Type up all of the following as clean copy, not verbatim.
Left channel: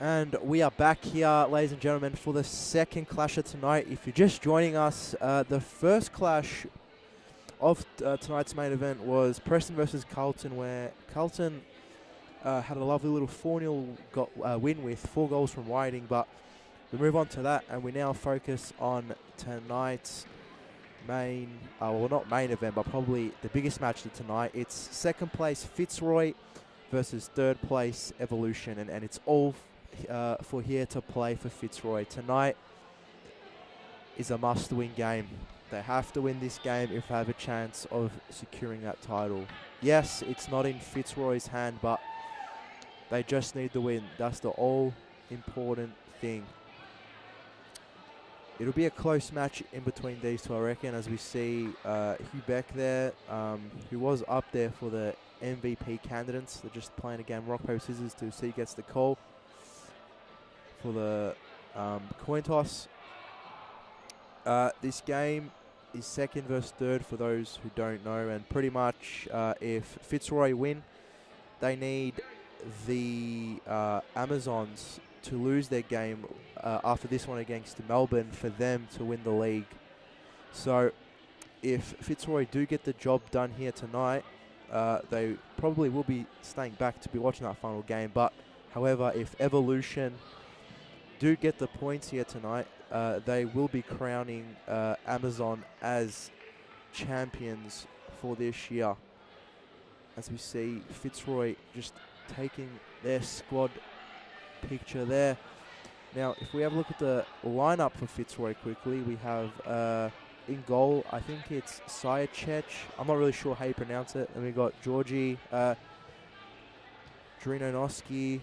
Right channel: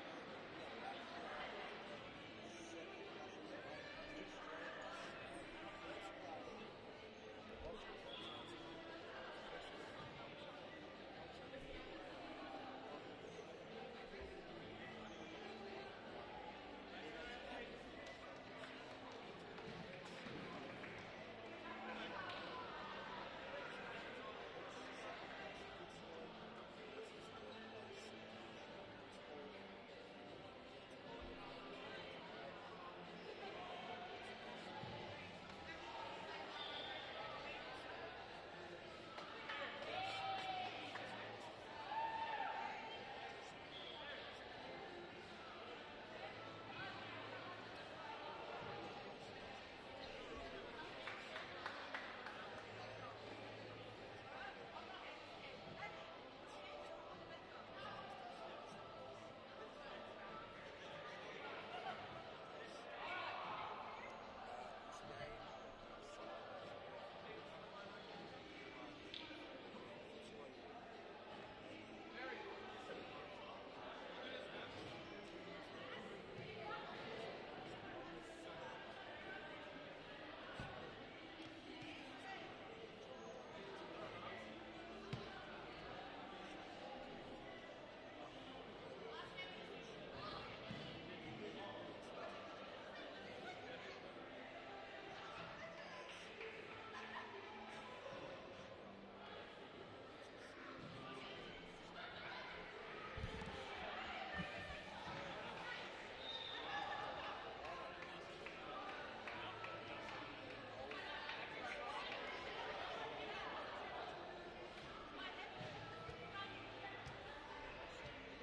And we are back here, ladies and gentlemen, for the second clasher tonight. If you're just joining us, the first clash of tonight's main event was Preston versus Carlton, where Carlton had a lovely little 4-0 win with 4 goals from Whiting. But we move on to that, and we now focus on tonight's main, well, not main event, but probably the biggest match of tonight. It's second place Fitzroy versus third place Evolution, and it's all for here to play for Fitzroy. Tonight is a must-win game. They have to win this game if they have a chance of securing that title. Yes, it's not in Fitzroy's hand, but they just need the win. That's the all-important thing. It'll be a close match in between these two, I reckon, as we see Hugh Beck there, who was up there for the MVP candidates. They're just playing a game rock, paper, scissors to see who gets the call for the coin toss. This game is second versus third for those who don't know, and pretty much if Fitzroy win, they need the Amazons to lose their game after this one against Melbourne for them to win the league. So if Fitzroy do get the job done here tonight, they probably will be staying back to be watching that final game. But however, if Evolution do get the points here tonight, they will be crowning Amazon as champions for this year. As we see Fitzroy just taking their squad picture there. Now, if we have a look at the lineup for Fitzroy quickly, we have in goal, I think it's Sayachech. I'm not really sure how you pronounce it. And we got Georgie, Drinonoski,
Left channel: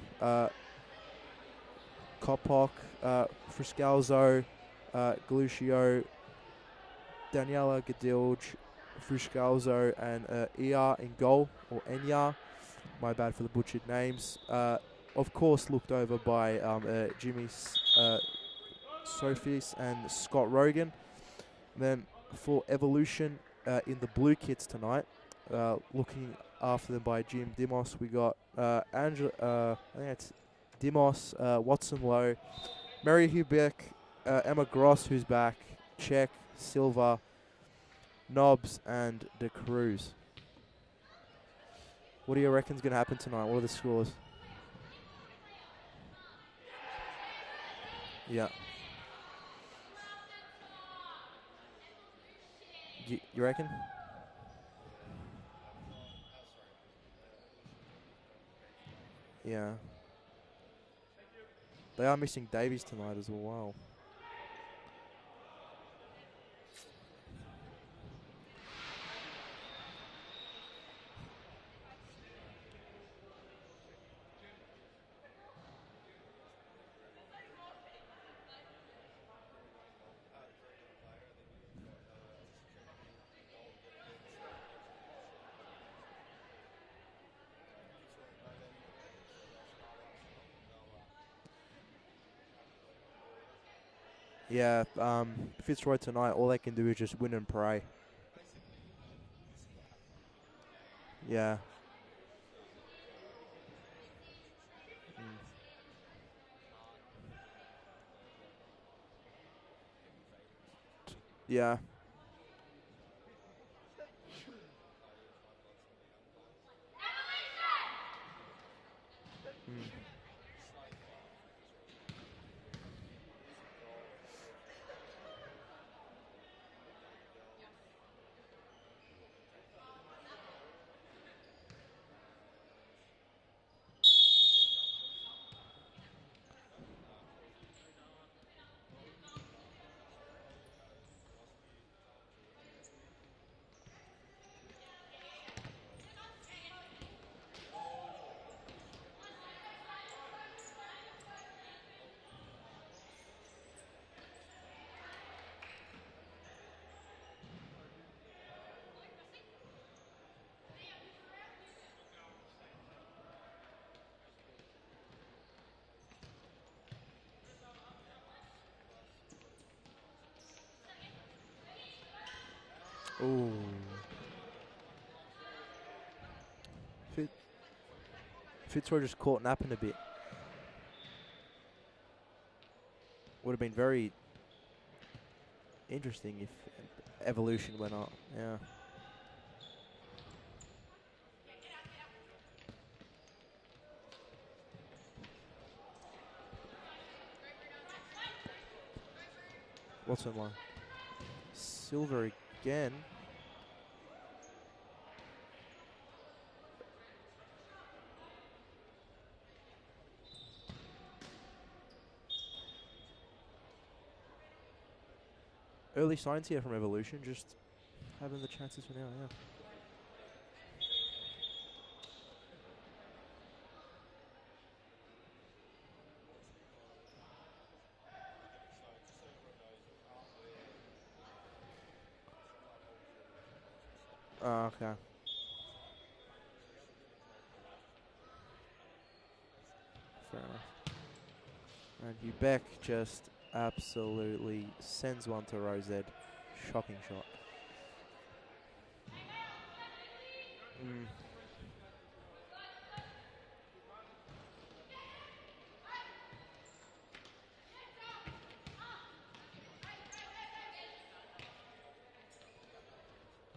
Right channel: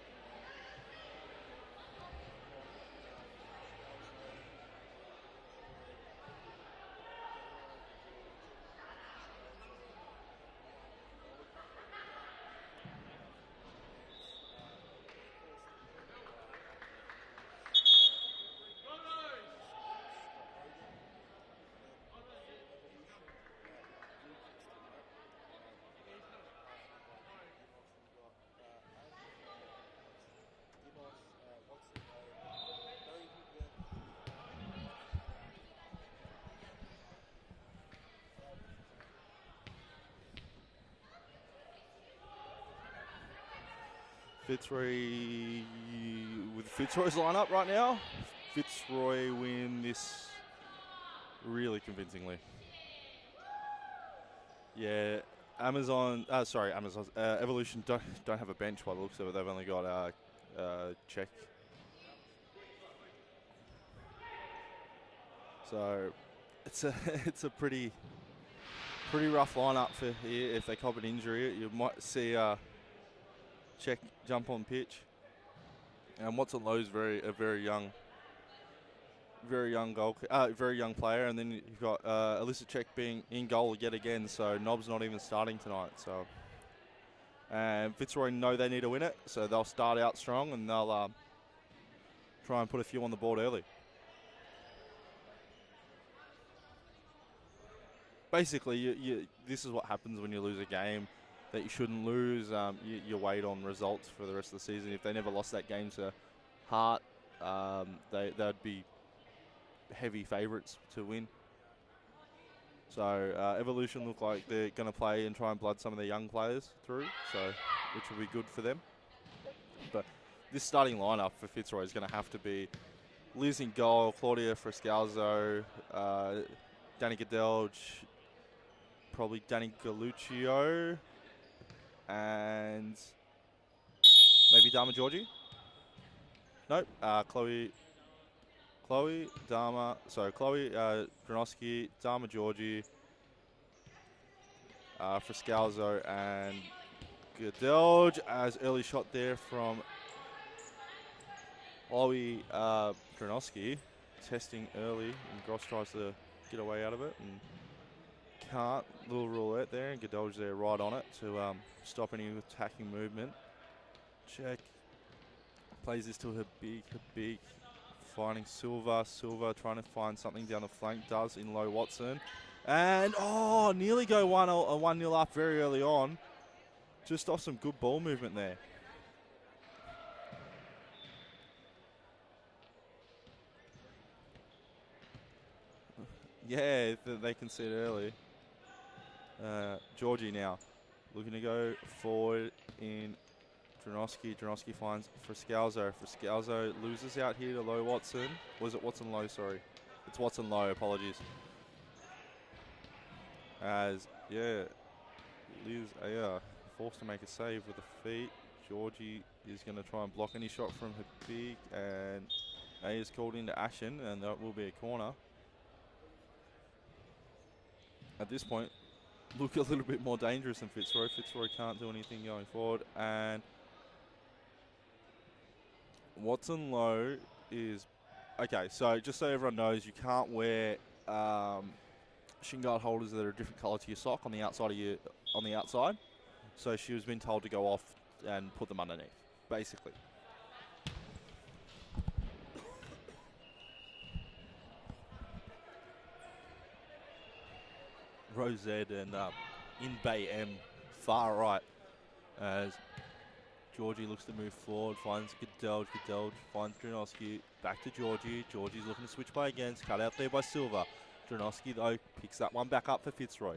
Kopok, Friscalzo, Galuccio, Daniela Gadilge, Friscalzo, and Ia in goal, or Enya. My bad for the butchered names. Of course, looked over by Jimmy Sophies and Scott Rogan. Then for Evolution in the blue kits tonight, looking after them by Jim Dimos, we got I think it's Dimos, Watson Lowe, Mary Hubeck, Emma Gross, who's back, Check, Silva, Nobbs, and De Cruz. What do you reckon's going to happen tonight? What are the scores? Fitzroy, with Fitzroy's lineup right now, Yeah. Fitzroy win this really convincingly. You reckon? Yeah, Evolution don't have a bench by the looks of it. They've only got Check. They are missing Davies tonight as well. So it's a pretty rough lineup for here. If they cop an injury, you might see Check jump on pitch. And Watson Lowe's a very young player, and then you've got Alyssa Check being in goal yet again. So Nobb's not even starting tonight. So and Fitzroy know they need to win it, so they'll start out strong and they'll try and put a few on the board early. Yeah, Fitzroy tonight, all they can do is just win and pray. Basically, this is what happens when you lose a game that you shouldn't lose. You wait on results for the rest of the season. If they never lost that game to Hart, they'd be heavy favourites to win. Yeah. So Evolution look like they're going to play and try and blood some of their young players through, which will be good for them. But this starting lineup for Fitzroy is going to have to be Liz in goal, Claudia Friscalzo, Danny Gadelge, probably Danny Galuccio, and maybe Dama Georgie. Nope, Chloe, Granosky, Dama Georgie, Friscalzo, and Gadelge as early shot there from Chloe Granosky. Testing early, and Gross tries to get away out of it and can't. Little roulette there, and Gadelge there right on it to stop any attacking movement. Check. Plays this to Habib, finding Silva trying to find something down the flank, does in low Watson. And nearly go 1-0 up very early on. Just off some good ball movement there. Fitzroy just caught napping a bit. Would have been very interesting if Yeah, they Evolution conceded went early. up. Yeah. Georgie now looking to go forward in Dronoski. Dronoski finds Friscalzo. Friscalzo loses out here to Low Watson. Was it Watson Low? Sorry. It's Watson Low, apologies. Silver again. As, yeah, Liz Aya forced to make a save with the feet. Georgie is going to try and block any shot from her big, and Aya's called into action, and that will be a corner. Early signs here from Evolution, just At this point, for now, yeah. look a little bit more dangerous than Fitzroy. Fitzroy can't do anything going forward, and Watson Low is okay. So just so everyone knows, you can't wear shin guard holders that are a different colour to your sock on the outside of your outside. So she was been told to go off and put them underneath, basically. Fair enough. And Beck just absolutely sends one to Rosette. Shocking shot. Rosette and in Bay M, far right, as Georgie looks to move forward, finds Gedelge, finds Dronoski, back to Georgie. Georgie's looking to switch play again, it's cut out there by Silva. Dronoski though picks that one back up for Fitzroy.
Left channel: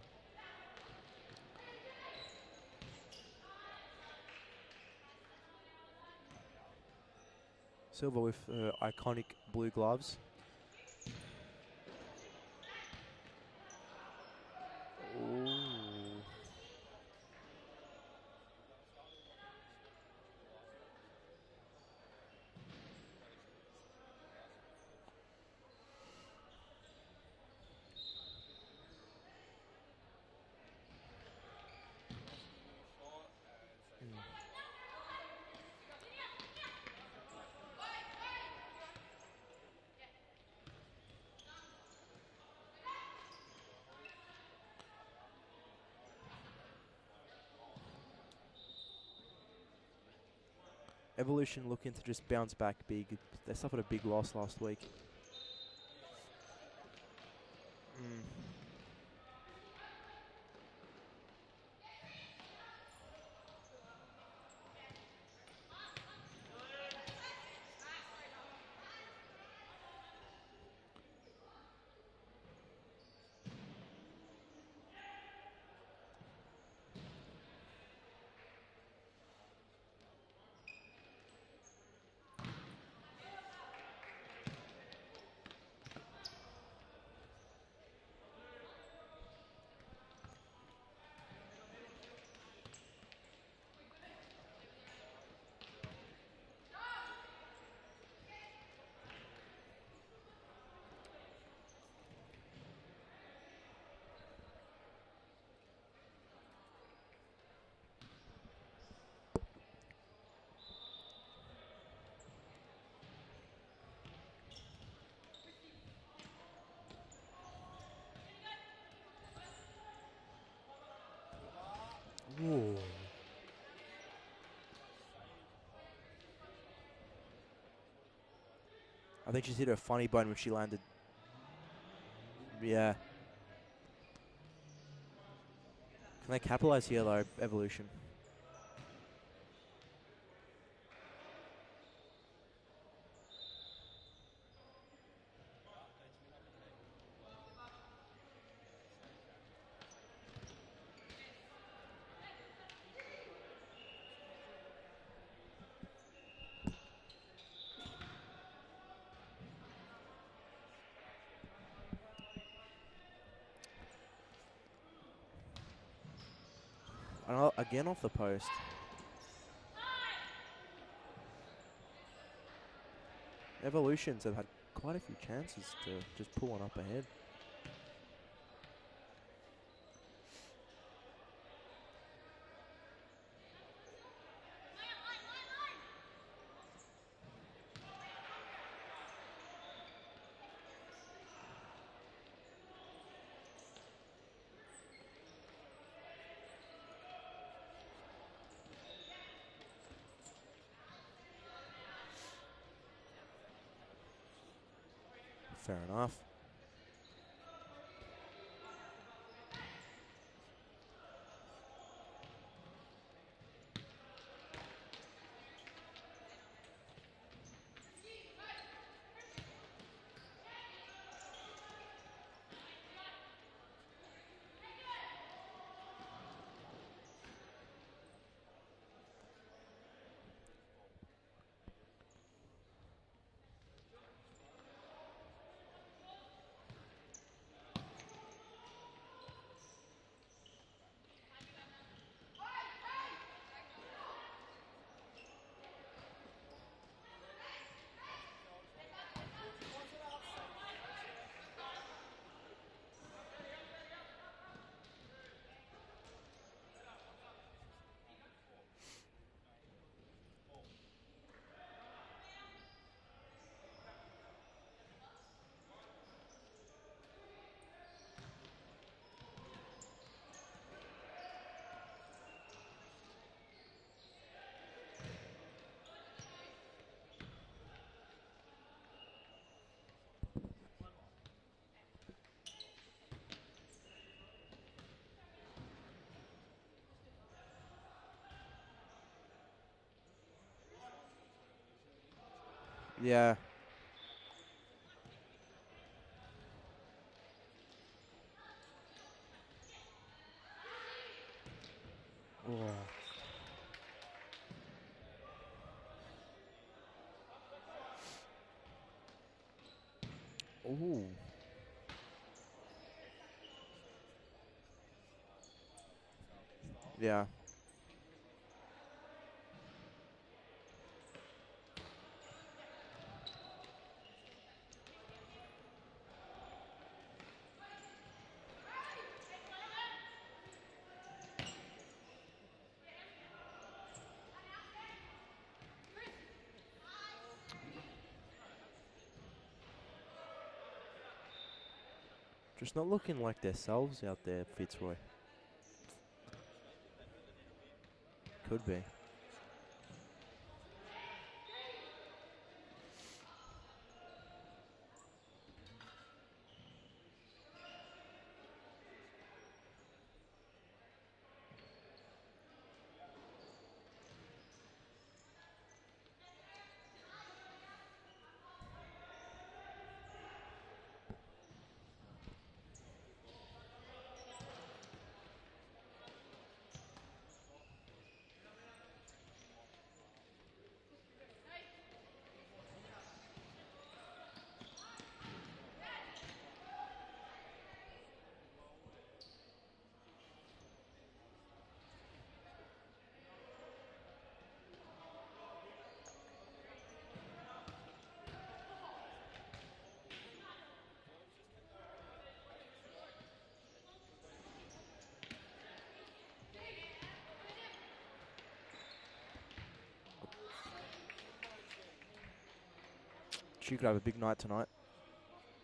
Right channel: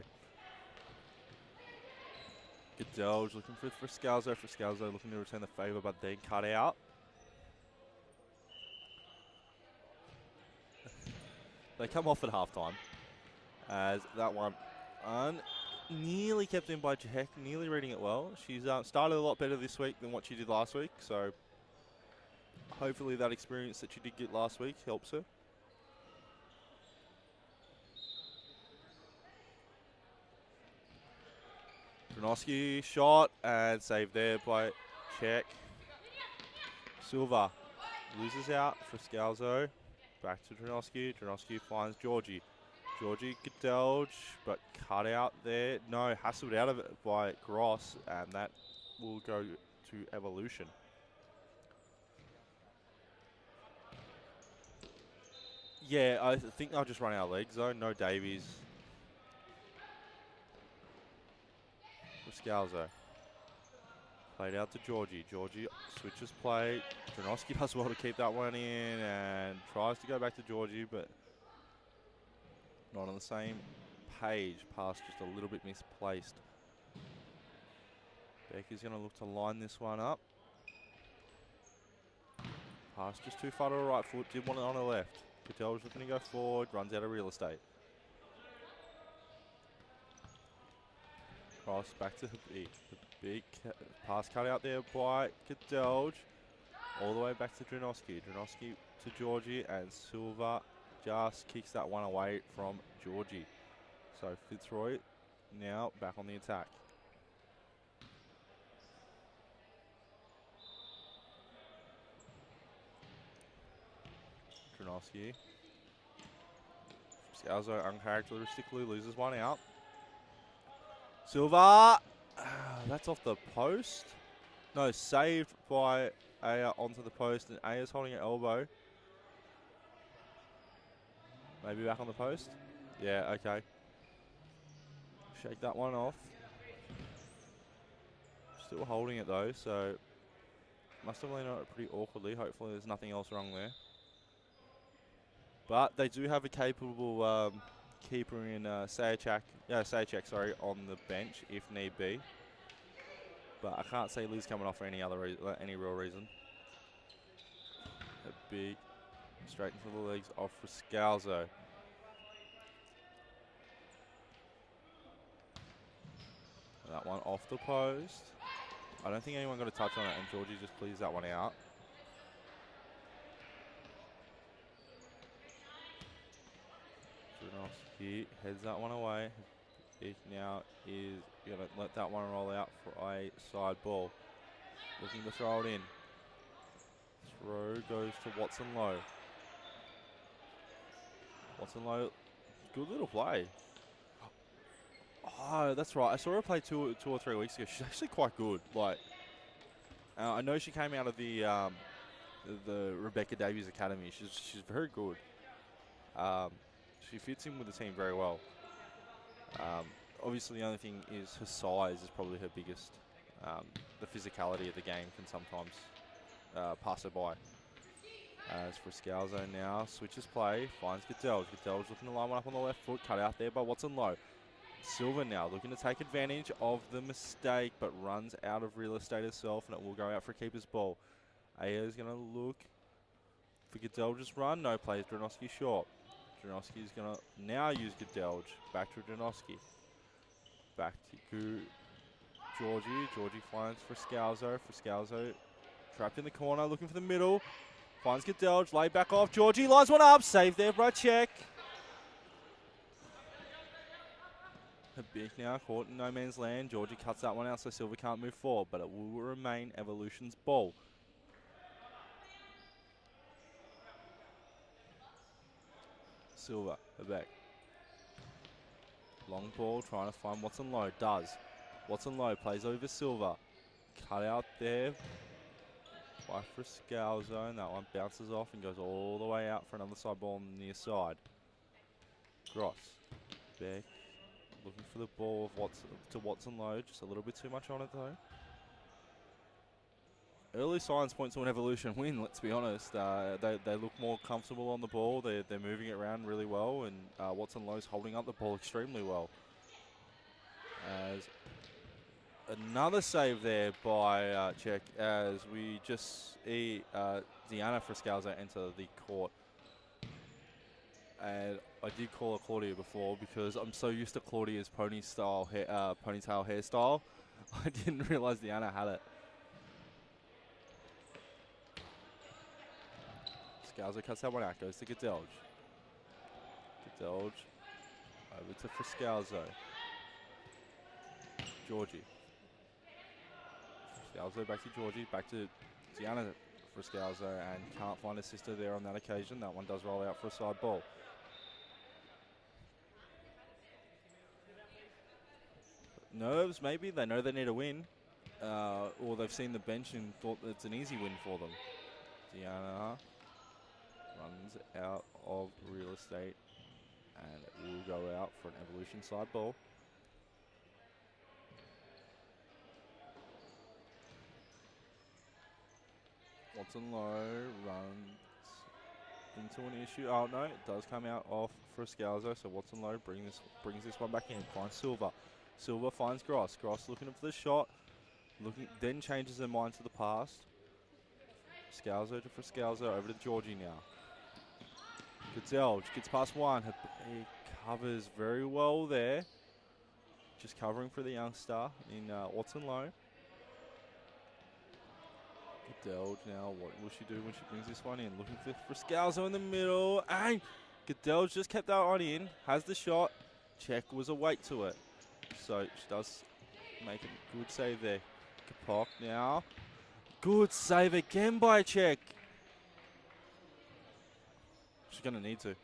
Gedelge looking for Friscalzo. Friscalzo looking to return the favour, but then cut out. Silva with iconic blue gloves. They come off at halftime, as that one nearly kept in by Jahek, nearly reading it well. She's started a lot better this week than what she did last week, so hopefully that experience that she did get last week helps her. Dronoski shot and saved there by Czech. Silva loses out for Scalzo. Back to Dronoski. Dronoski finds Georgie. Georgie Gedelge, but cut out there. No, hassled out of it by Gross, and that will go to Evolution. Evolution looking to just bounce back big. They suffered a big loss last week. Yeah, I think they'll just run out of legs though. No Davies. Scalzo. Played out to Georgie. Georgie switches play. Dronoski does well to keep that one in and tries to go back to Georgie, but not on the same page. Pass just a little bit misplaced. Becky's going to look to line this one up. Pass just too far to the right foot. Did want it on the left. Patel's looking to go forward. Runs out of real estate. Cross back to the big pass cut out there by Gedelge. All the way back to Dronoski. Dronoski to Georgie, and Silva just kicks that one away from Georgie. So Fitzroy now back on the attack. Dronoski. Scalzo uncharacteristically loses one out. Silva! That's off the post. No, saved by Aya onto the post, and Aya's holding her elbow. I think she's hit her funny bone when she landed. Maybe back on the post? Yeah. Yeah, okay. Shake that one off. And they capitalise here though, Evolution. Still holding it though, so must have landed it pretty awkwardly. Hopefully there's nothing else wrong there. But they do have a capable keeper in Sajak, on the bench if need be. But I can't see Liz coming off for any real reason. A big straight to the legs off for Scalzo. That one off the again post. off the post. I don't think anyone got a touch on it, and Georgie just clears that one out. Evolutions have had quite a few chances to just pull one up ahead. He heads that one away. He now is going to let that one roll out for a side ball. Looking to throw it in. Throw goes to Watson Low. Watson Low, good little play. Oh, that's right. I saw her play two or 3 weeks ago. She's actually quite good. Like, I know she came out of the Rebecca Davies Academy. She's very good. Fair enough. She fits in with the team very well. Obviously, the only thing is her size is probably her biggest. The physicality of the game can sometimes pass her by. As for Scalzo now, switches play, finds Goodell. Goodell's looking to line one up on the left foot, cut out there by Watson Lowe. Silva now looking to take advantage of the mistake, but runs out of real estate herself, and it will go out for a keeper's ball. Aya's going to look for Goodell, just run, no plays, Dronoski short. Dronoski's going to now use Goodell, back to Dronoski. Back to Georgie. Georgie finds for Scalzo. Trapped in the corner, looking for the middle. Finds Goodell, laid back off. Georgie lines one up, saved there by Check. Big now, caught in no man's land. Georgie cuts that one out so Silva can't move forward, but it will remain Evolution's ball. Silva, back. Long ball, trying to find Watson Lowe. Does. Watson Lowe plays over Silva. Cut out there by Scalzo, and that one bounces off and goes all the way out for another side ball on the near side. Gross. Back. Looking for the ball to Watson Lowe. Just a little bit too much on it though. Early signs point to an Evolution win, let's be honest. Yeah. They look more comfortable on the ball. They're moving it around really well, and Watson Lowe's holding up the ball extremely well. As another save there by Czech, as we just see Deanna Friscalzo enter the court. Ooh. And I did call her Claudia before because I'm so used to Claudia's ponytail hairstyle. Yeah. I didn't realise Deanna had it. Scalzo cuts that one out, goes to Godelge. Godelge over to Friscalzo. Georgie. Friscalzo back to Georgie, back to Deanna Friscalzo, and can't find a sister there on that occasion. That one does roll out for a side ball. Just not looking like themselves out there, Fitzroy. Nerves, maybe. They know they need a win. Could be. Or they've seen the bench and thought it's an easy win for them. Deanna runs out of real estate and will go out for an Evolution side ball. Watson Lowe runs into an issue. Oh no, it does come out off for Scalzo, so Watson Lowe brings this one back in. Finds Silva. Silva finds Gross. Gross looking for the shot. Then changes her mind to the pass. Scalzo to Friscalzo, over to Georgie now. Goodell gets past one. He covers very well there. Just covering for the youngster in Watson Lowe. Goodell now, what will she do when she brings this one in? Looking for Friscalzo in the middle. And Goodell just kept that one in. Has the shot. Check was a weight to it. So she does make a good save there. Kapok now. Good save again by Czech. She could have a big night tonight. She's going to need to.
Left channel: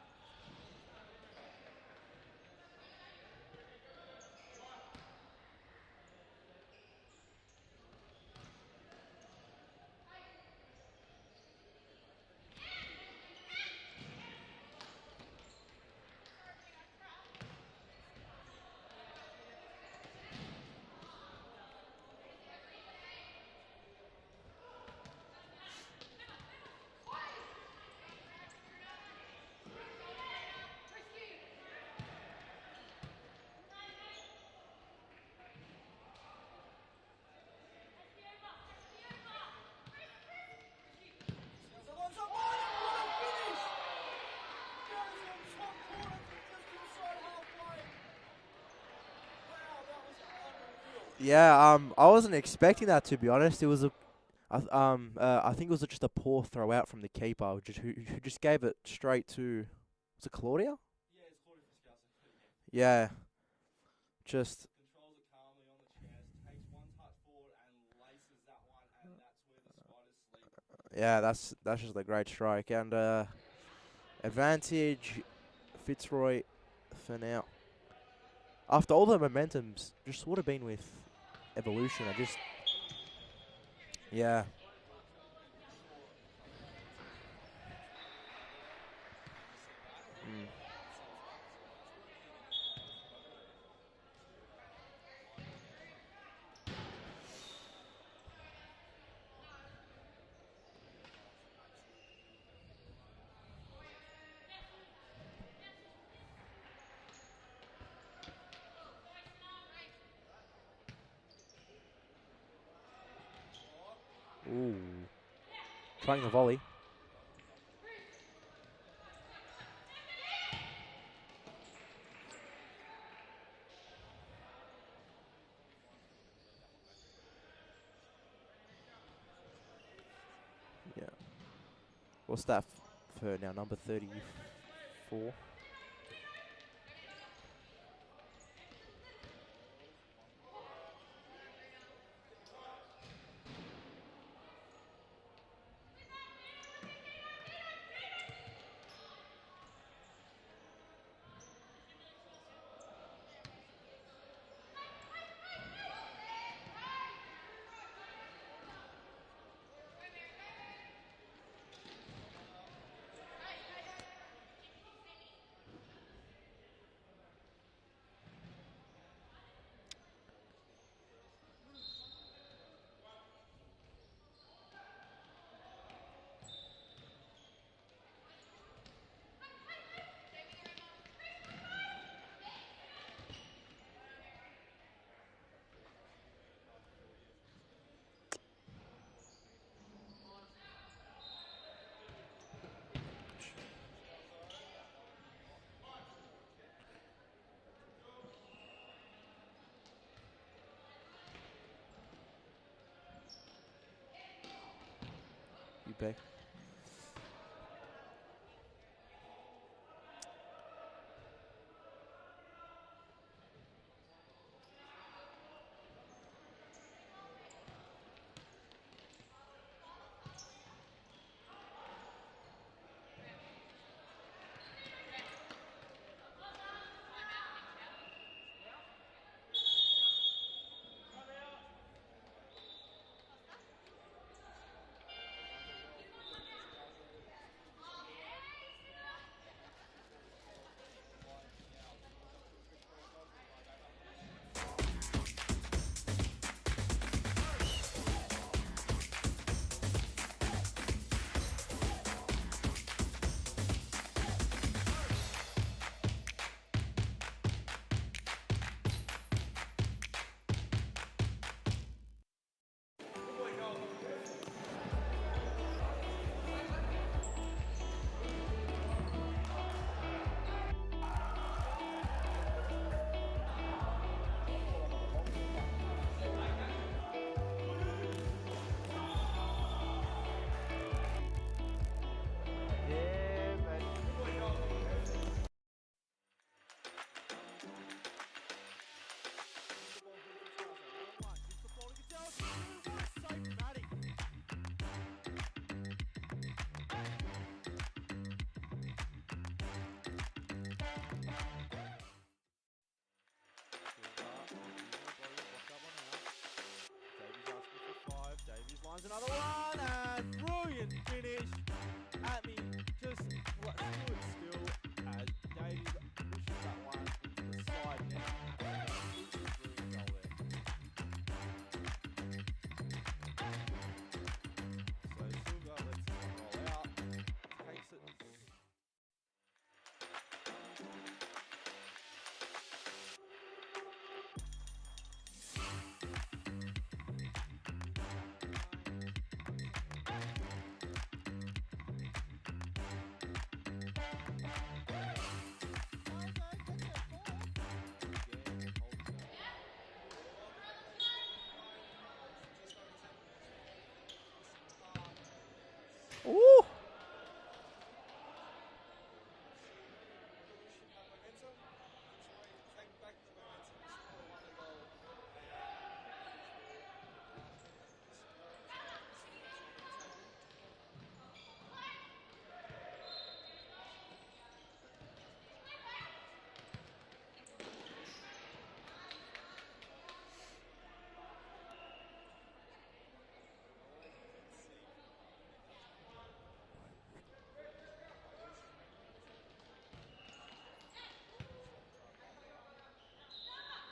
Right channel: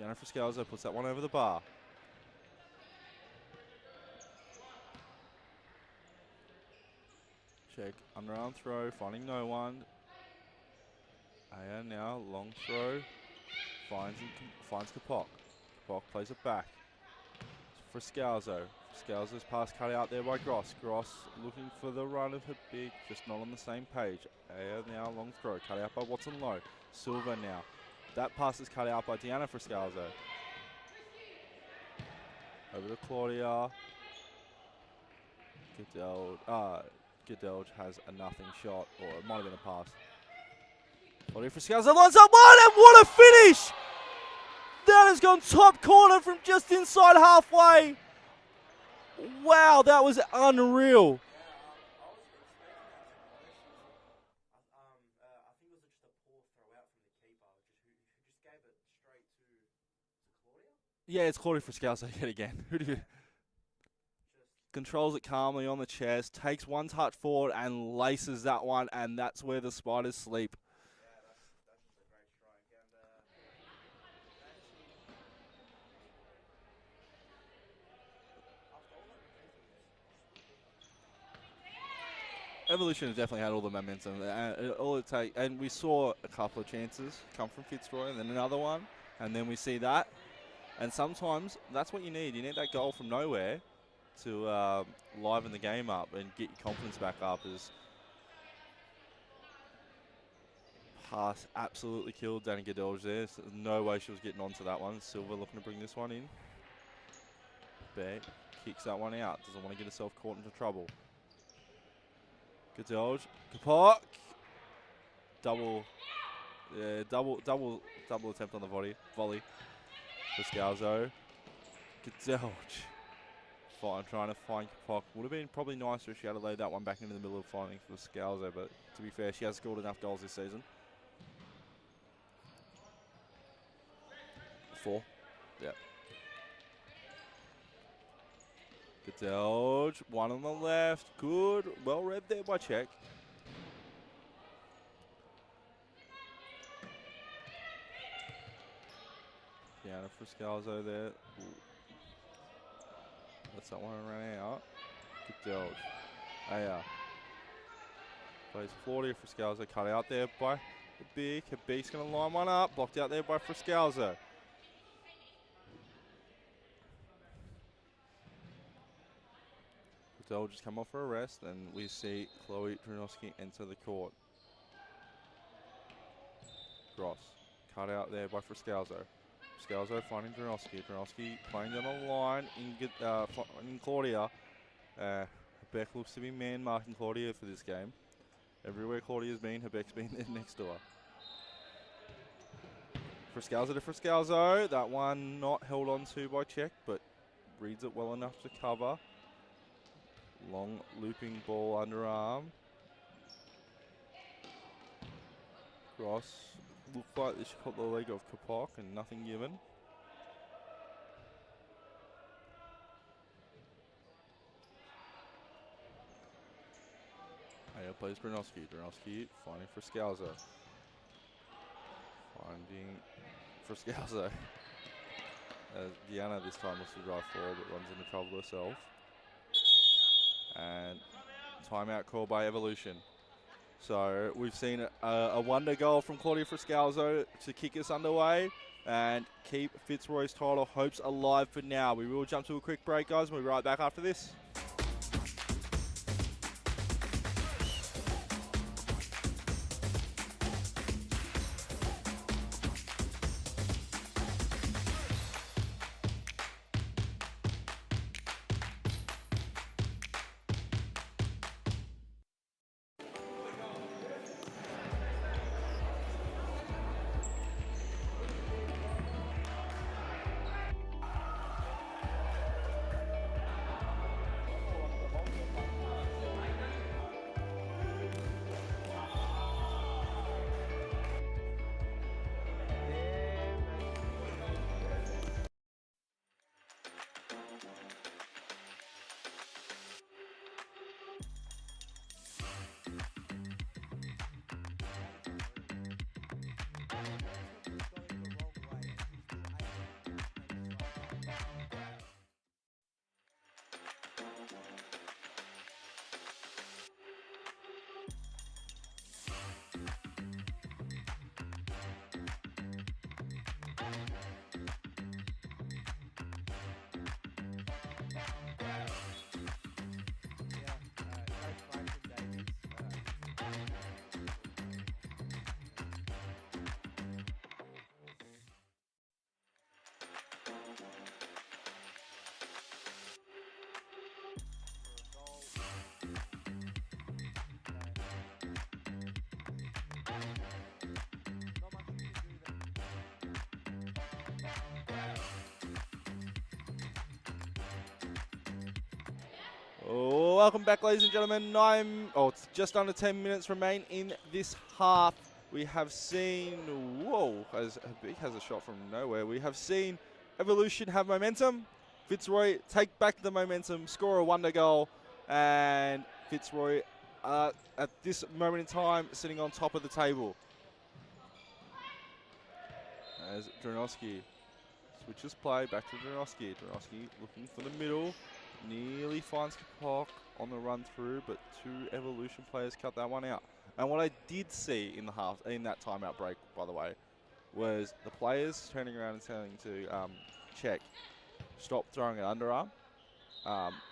Deanna Friscalzo puts that one over the bar. Czech, underarm throw, finding no one. Aya now, long throw. Finds Kapok. Kapok plays it back. Friscalzo. Friscalzo's pass cut out there by Gross. Gross looking for the run of her big, just not on the same page. Aya now, long throw, cut out by Watson Lowe. Silva now. That pass is cut out by Deanna Friscalzo. Over to Claudia. Goodell has a nothing shot, or it might have been a pass. Claudia Friscalzo lines up one, and what a finish! That has gone top corner from just inside halfway. Wow, that was unreal. Yeah, I wasn't expecting that, to be honest. It was I think it was just a poor throw out from the keeper, who just gave it straight to, was it Claudia? Yeah, it's Claudia Friscalzo yet again. Yeah. Just controls it calmly on the chest, takes one touch forward and laces that one, and that's where the Spiders sleep. Yeah, that's just a great strike. And advantage Fitzroy for now. After all the momentums, just would have been with Evolution. Evolution has definitely had all the momentum. Yeah. And we saw a couple of chances come from Fitzroy, and then another one, and then we see that. And sometimes that's what you need. You need that goal from nowhere to liven the game up and get your confidence back up. pass absolutely killed Danny Gadelge there. So there's no way she was getting onto that one. Silver looking to bring this one in. Beck kicks that one out. Doesn't want to get herself caught into trouble. Gadelge. Kapok. Ooh. Double. Trying the volley. Yeah, double attempt on the volley for Scalzo. Gadelge. Fine, trying to find Kapok. Would have been probably nicer if she had laid that one back into the middle of finding for Scalzo, but to be fair, she has scored enough goals this season. Yeah. What's that for her now? Number 34? Yeah. Gadelge, one on the left. Good. Well read there by Czech. Piano for Scalzo there. Lets that one run out. Gadelge. Plays Claudia for Scalzo. Cut out there by Habik. Habik's going to line one up. Blocked out there by Friscalzo. They'll just come off for a rest, and we see Chloe Brunoski enter the court. Gross. Cut out there by Friscalzo. Friscalzo finding Brunoski. Brunoski playing down the line in Claudia. Beck looks to be man-marking Claudia for this game. Everywhere Claudia's been, Beck's been there next door. Friscalzo to Friscalzo. That one not held on to by Czech, but reads it well enough to cover. Long looping ball underarm. Ross looked like she caught the leg of Kapok and nothing given. Now plays Brunoski. Brunoski finding Friscalzo. Finding Friscalzo. As Diana this time wants to drive forward, but runs into trouble herself. And timeout call by Evolution. So we've seen a wonder goal from Claudia Friscalzo to kick us underway and keep Fitzroy's title hopes alive for now. We will jump to a quick break, guys. We'll be right back after this. Welcome back, ladies and gentlemen. It's just under 10 minutes remain in this half. We have seen, as Habik has a shot from nowhere. We have seen Evolution have momentum. Fitzroy take back the momentum, score a wonder goal, and Fitzroy at this moment in time sitting on top of the table. As Dronoski switches play back to Dronoski. Dronoski looking for the middle. Nearly finds Kapok on the run through, but two Evolution players cut that one out. And what I did see in that timeout break, by the way, was the players turning around and telling to Czech, stop throwing it underarm.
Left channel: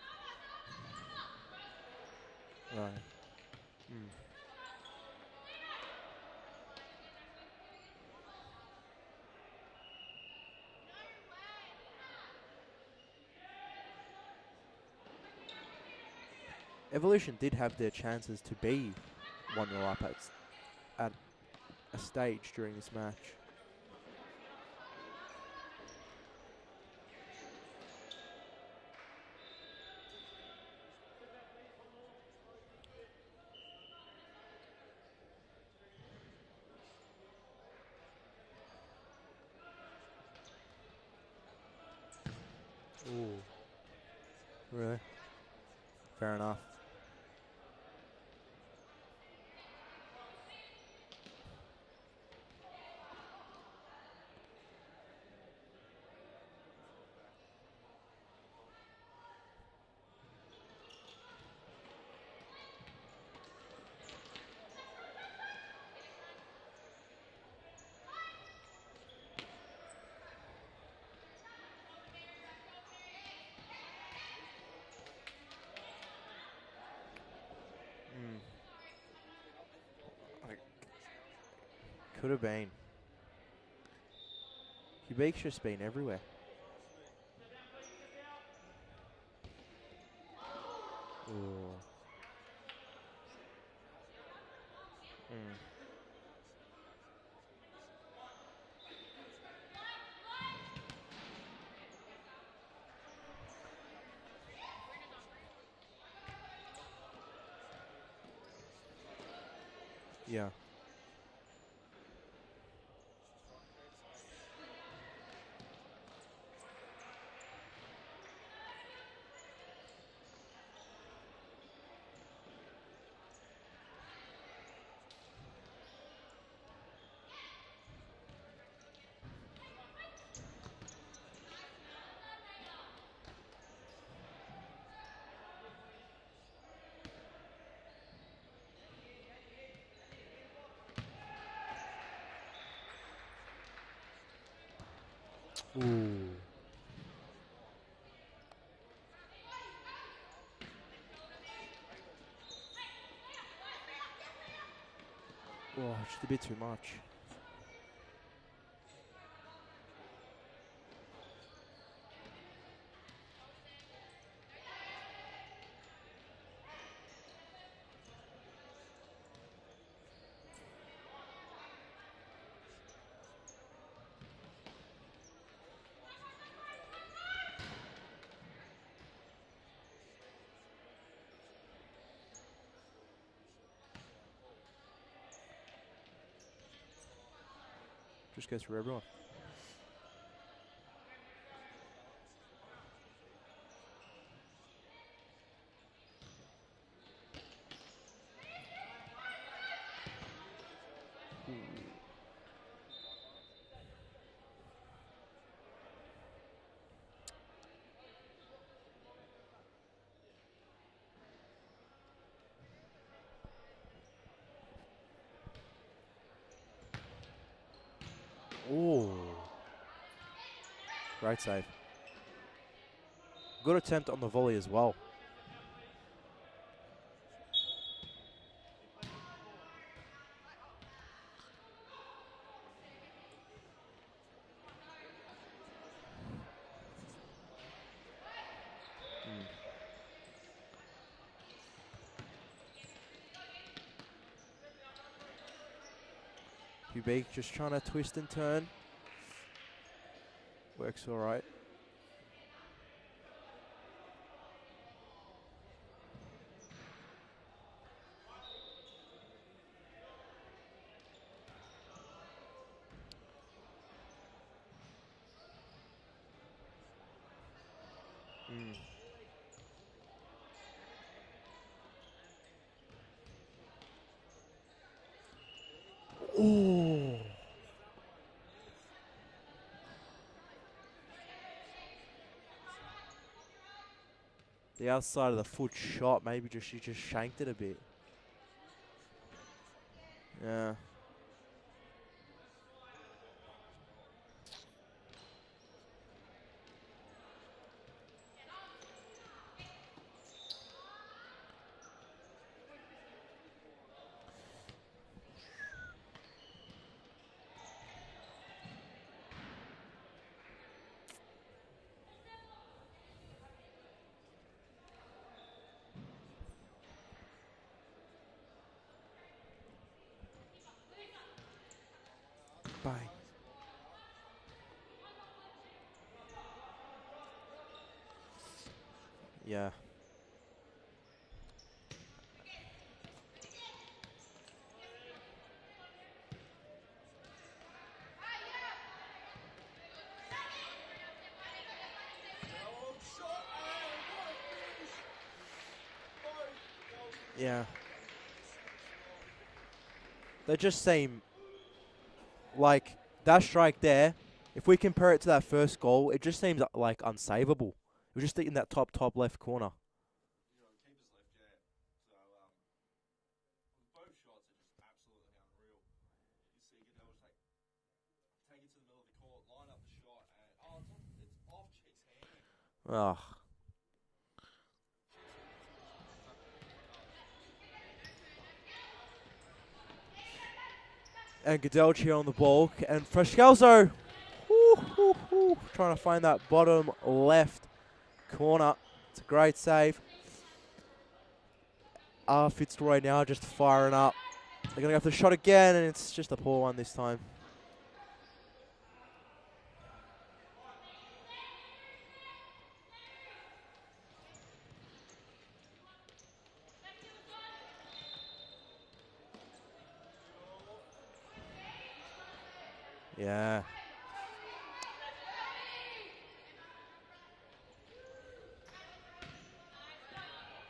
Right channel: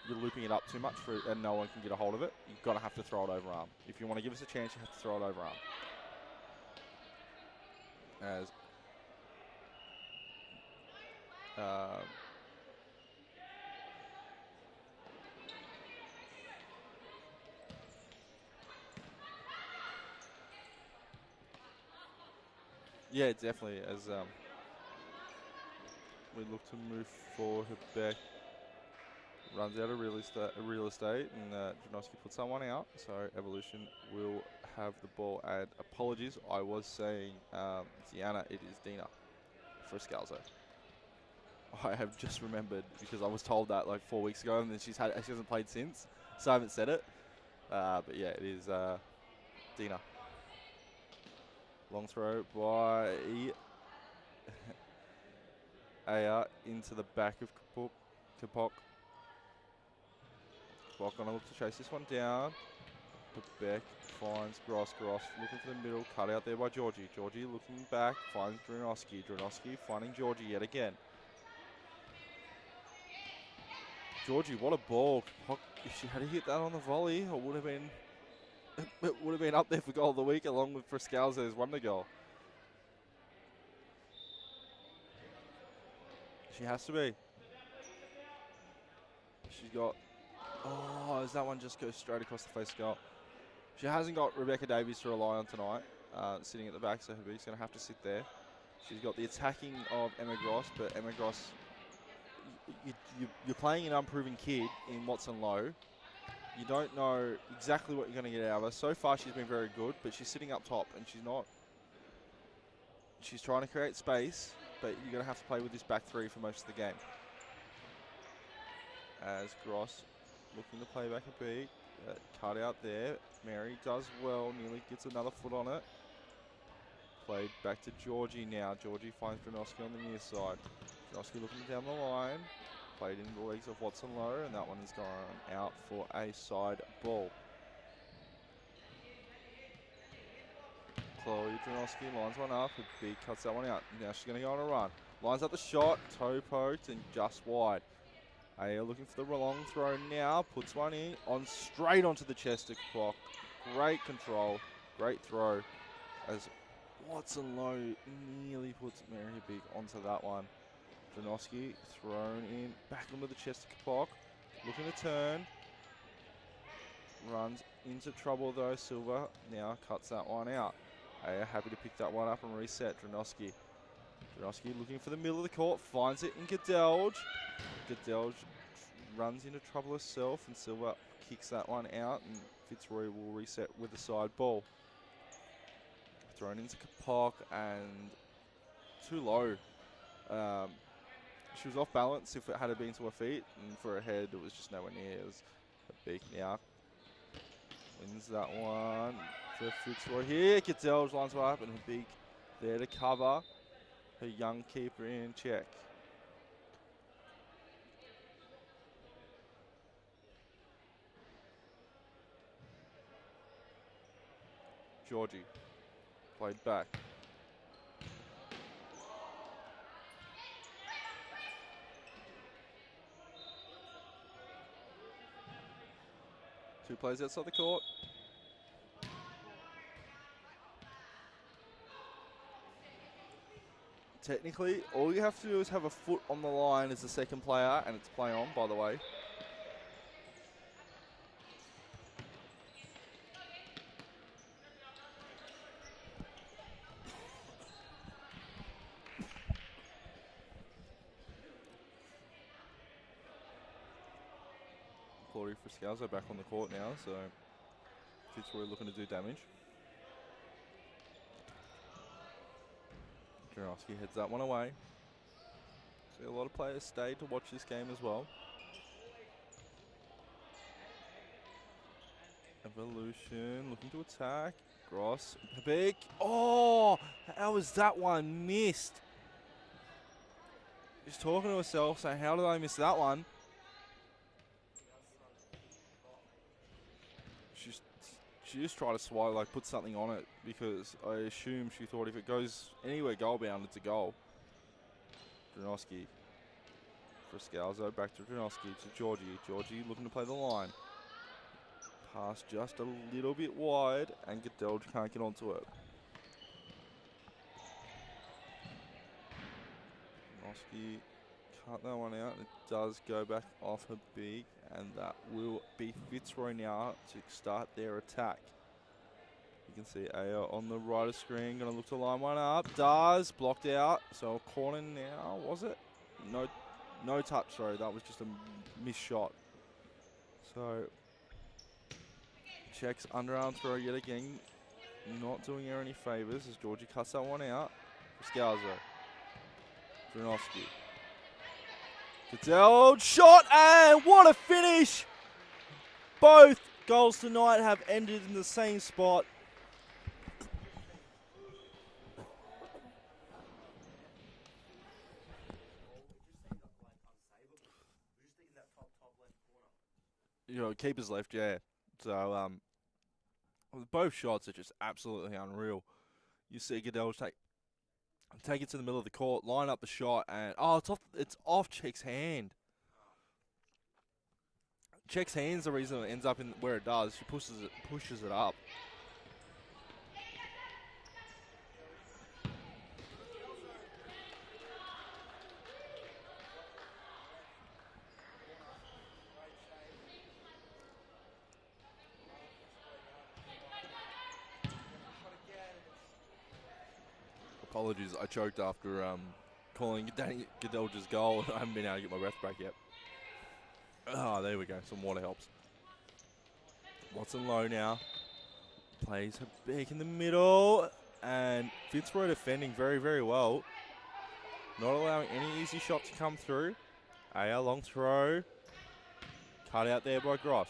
You're looping it up too much and no one can get a hold of it. You've got to have to throw it overarm. If you want to give us a chance, you have to throw it overarm. as Evolution did have their chances to be 1-0 up at a stage during this match. yeah, definitely. As we look to move forward, Beck runs out of real estate, and Janoski puts someone out. So Evolution will have the ball. And apologies, I was saying Deanna. It is Dina for Scalzo. I have just remembered because I was told that like 4 weeks ago, and then Really? she hasn't played since. Fair enough. So I haven't said it. But yeah, it is Dina. Long throw by Aya into the back of Kapok. Kapok gonna look to chase this one down. Beck finds Gross looking for the middle, cut out there by Georgie. Georgie looking back, finds Dranoski. Dranoski finding Georgie yet again. Georgie, what a ball. If she had hit that on the volley, it would have been it would have been up there for goal of the week, along with Frascalzo's wonder goal. Could have been. Quebec's just been everywhere. She has to be. She's got... Oh, as that one just goes straight across the face of goal. She hasn't got Rebecca Davies to rely on tonight, sitting at the back, so Habib's going to have to sit there. She's got the attacking of Emma Gross, but Emma Gross... You're playing an unproven kid in Watson Low. You don't know exactly what you're going to get out of her. So far, she's been very good, but she's sitting up top, and she's not... She's trying to create space, but you're going to have to play with this back three for most of the game. As Gross looking to play back a beat. Cut out there. Mary does well, nearly gets another foot on it. Played back to Georgie now. Georgie finds Dranoski on the near side. Dranoski looking down the line. Played into the legs of Watson Low, and that one is gone out for a side ball. Chloe Dranoski lines one up. Big cuts that one out. Now she's going to go on a run. Lines up the shot. Toe poked and just wide. Aya looking for the long throw now. Puts one in on straight onto the chest of Clock. Great control. Great throw. Oh, just a bit too much. Watson Low nearly puts Mary Big onto that one. Dranoski thrown in. Back onto the chest of Clock. Looking to turn. Runs into trouble though. Silva now cuts that one out. Aya happy to pick that one up and reset. Dranoski looking for the middle of the court. Finds it in Gadelge. Gadelge runs into trouble herself, and Silva kicks that one out, and Fitzroy will reset with the side ball. Thrown into Kapok, and Just goes through everyone. too low. She was off balance if it had been to her feet, and for her head it was just nowhere near. It was a big now. Wins that one for Fitzroy here. Gadelge lines one up, and Big there to cover her young keeper in check. Georgie played back. Ooh. Great save. Good attempt on the volley as well. Two players outside the court. Technically, all you have to do is have a foot on the line as the second player, and it's play on, by the way. Quebec just trying to twist and turn. Works all right. Claudia Frascalzo back on the court now, so Fitzroy looking to do damage. Jarowski heads that one away. So a lot of players stayed to watch this game as well. Evolution looking to attack. Gross, big. Oh, how was that one missed? Just talking to herself, saying, "How did I miss that one?" The outside of the foot shot, maybe she just shanked it a bit. She just tried to swipe, like put something on it, because I assume she thought if it goes anywhere goal bound, it's a goal. Dranoski for Scalzo, back to Dranoski to Georgie. Georgie looking to play the line. Pass just a little bit wide, and Gadelge can't get onto it. Cut that one out. It does go back off her beak, and that will be Fitzroy now to start their attack. You can see Aya on the right of screen, going to look to line one up. Does, blocked out. So a corner now, was it? No touch, sorry. That was just a missed shot. Yeah. So, checks underarm throw yet again. Not doing her any favours as Georgie cuts that one out. Scalzo. Dronovsky. Cadell, shot, and what a finish! Both goals tonight have ended in the same spot. They just seem like that strike there. If we compare it to that first goal, it just seems like unsavable. We're just in that top left corner. You know, keeper's left, yeah. So, both shots are just absolutely unreal. You see Goodell take it to the middle of the court, line up the shot, and it's off Check's hand. Ugh. Check's hand's the reason it ends up in where it does. She pushes it up. And Godelchi on the ball, and Frascalzo trying to find that bottom left corner. It's a great save. Fitzroy now just firing up. They're going to go for the shot again, and it's just a poor one this time. Apologies, I choked after calling Godelchi's goal. I haven't been able to get my breath back yet. Ah, there we go. Some water helps. Watson low now. Plays her back in the middle. And Fitzroy defending very, very well. Not allowing any easy shot to come through. A long throw. Cut out there by Gross.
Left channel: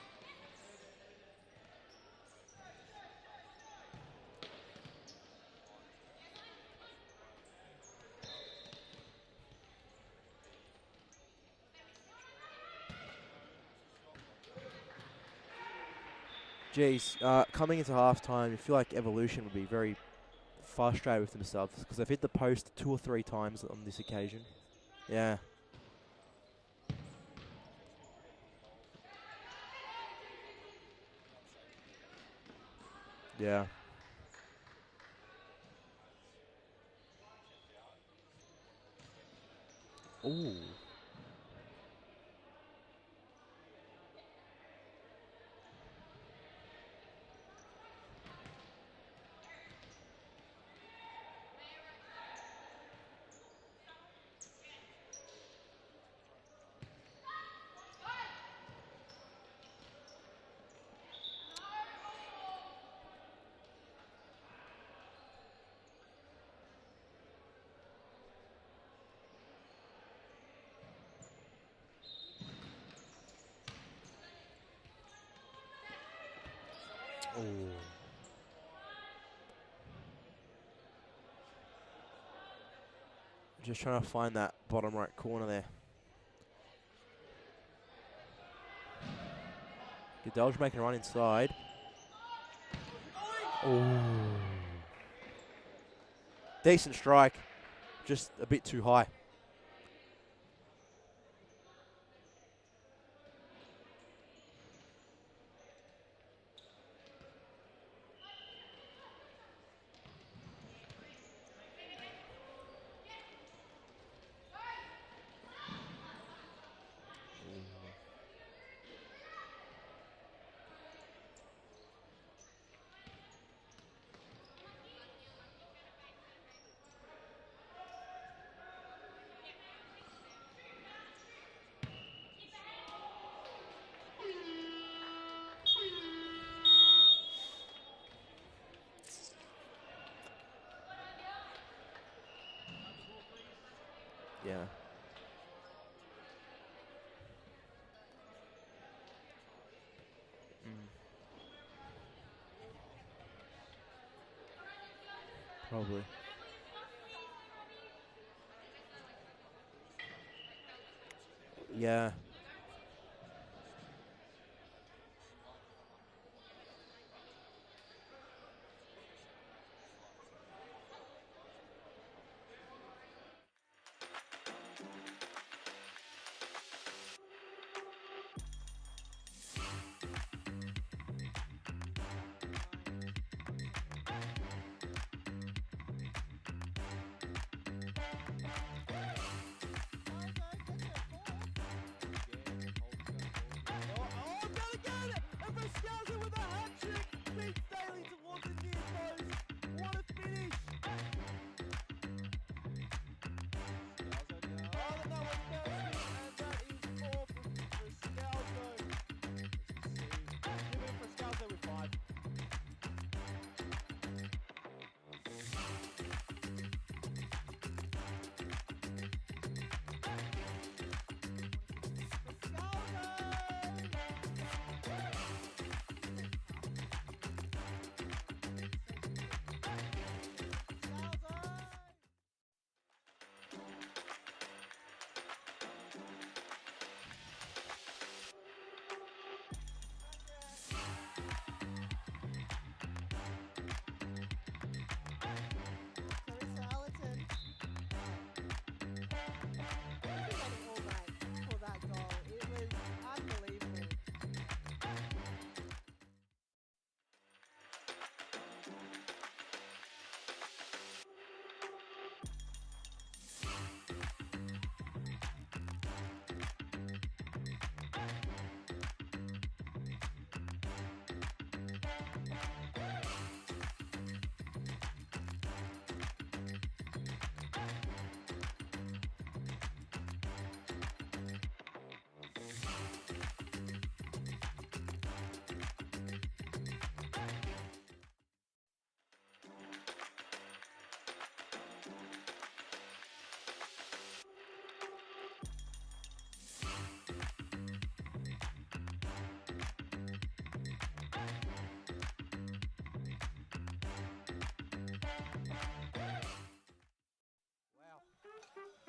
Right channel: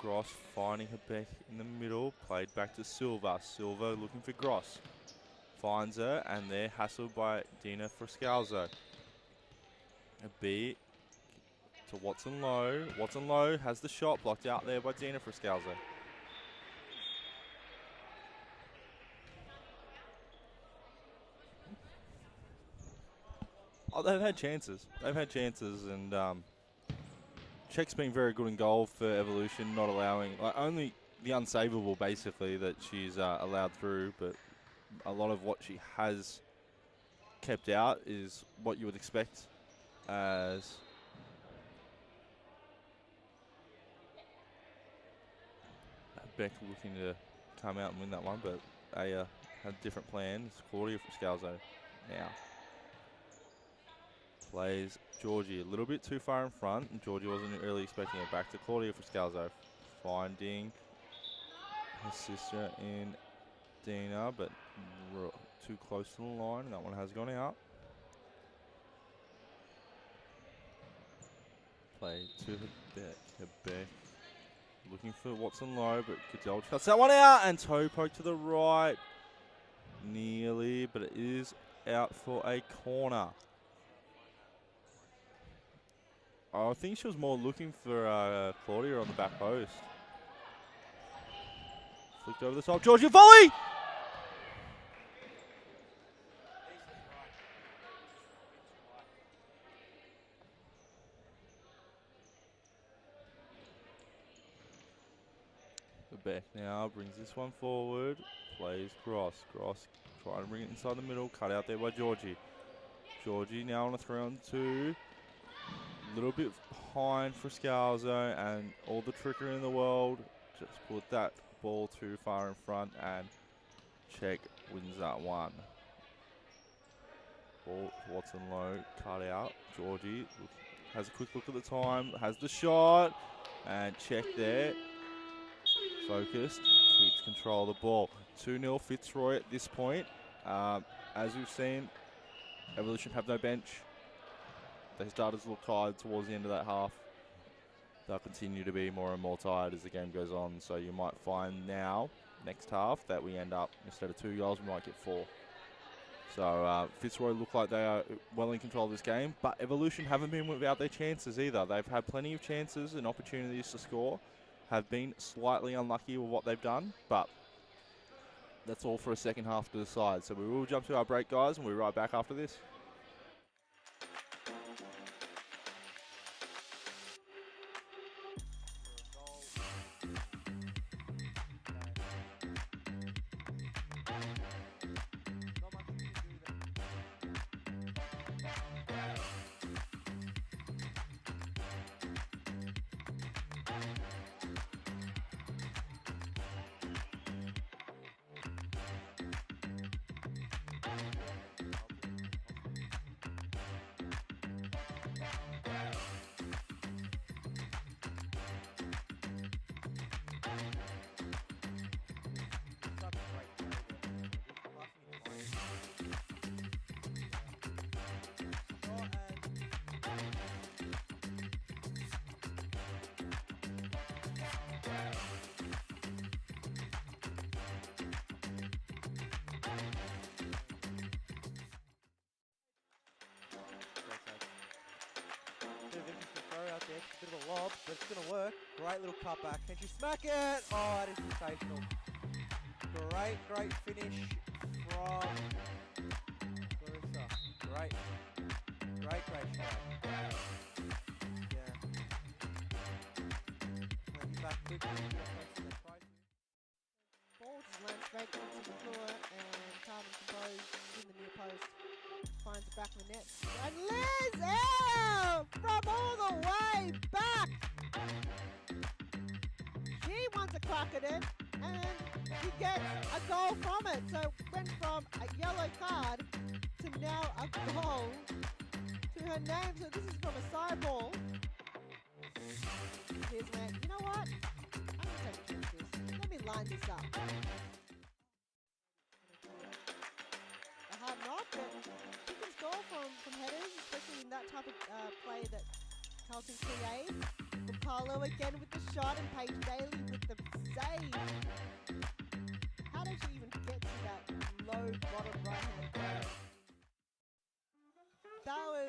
Gross finding her back in the middle. Played back to Silva. Silva looking for Gross. Finds her, and they're hassled by Dina Frascalzo. A B to Watson Low. Watson Low has the shot blocked out there by Dina Frascalzo. Geez, coming into halftime, you feel like Evolution would be very frustrated with themselves because they've hit the post 2 or 3 times on this occasion. They've had chances. They've had chances, and Check's been very good in goal for Evolution, not allowing, only the unsavable basically that she's allowed through, but a lot of what she has kept out is what you would expect as Beck looking to come out and win that one, but Aya had different plans. Claudia from Scalzo now. Plays Georgie a little bit too far in front, and Georgie wasn't really expecting it. Back to Claudia from Scalzo. Finding her sister in Dina, but too close to the line. That one has gone out. Play to the back. Looking for Watson low, but Goodell cuts that one out, and toe poke to the right. Nearly, but it is out for a corner. Just trying to find that bottom right corner there. I think she was more looking for Claudia on the back post. Goodell's making a run inside. Flicked over the top. Georgia volley! Decent strike. Just a bit too high. The back now brings this one forward. Plays Gross. Gross trying to bring it inside the middle. Cut out there by Georgie. Georgie now on a 3-on-2. A little bit behind for Scalzo, and all the trickery in the world. Just put that ball too far in front, and Check wins that one. Ball to Watson low, cut out. Georgie has a quick look at the time, has the shot, and Check there. Focused, keeps control of the ball. 2-0 Fitzroy at this point. As we've seen, Evolution have no bench. Yeah. Their starters look tired towards the end of that half. They'll continue to be more and more tired as the game goes on. So you might find now, next half, that we end up, instead of 2 goals, we might get 4. Probably. So Fitzroy look like they are well in control of this game. But Evolution haven't been without their chances either. They've had plenty of chances and opportunities to score. Have been slightly unlucky with what they've done. But that's all for a second half to decide. So we will jump to our break, guys, and we'll be right back after this. Great little cutback. Can she smack it? Oh, that is sensational. Great finish from Great catch. Ball just went straight down to the floor, and Carmen Compose in the near post finds the back of the net. And Liz out from all the way back. She wants a crack at it, and she gets a goal from it. So it went from a yellow card to now a goal to her name. So this is from a side ball. Here's Matt. You know what? I'm going to take this. Let me line this up. A hard knock, but good goal from headers, especially in that type of play that Carlton creates. Carlo again with the shot, and Paige Daly with the save. How did she even get to that low bottom right-hand corner? Wow. That was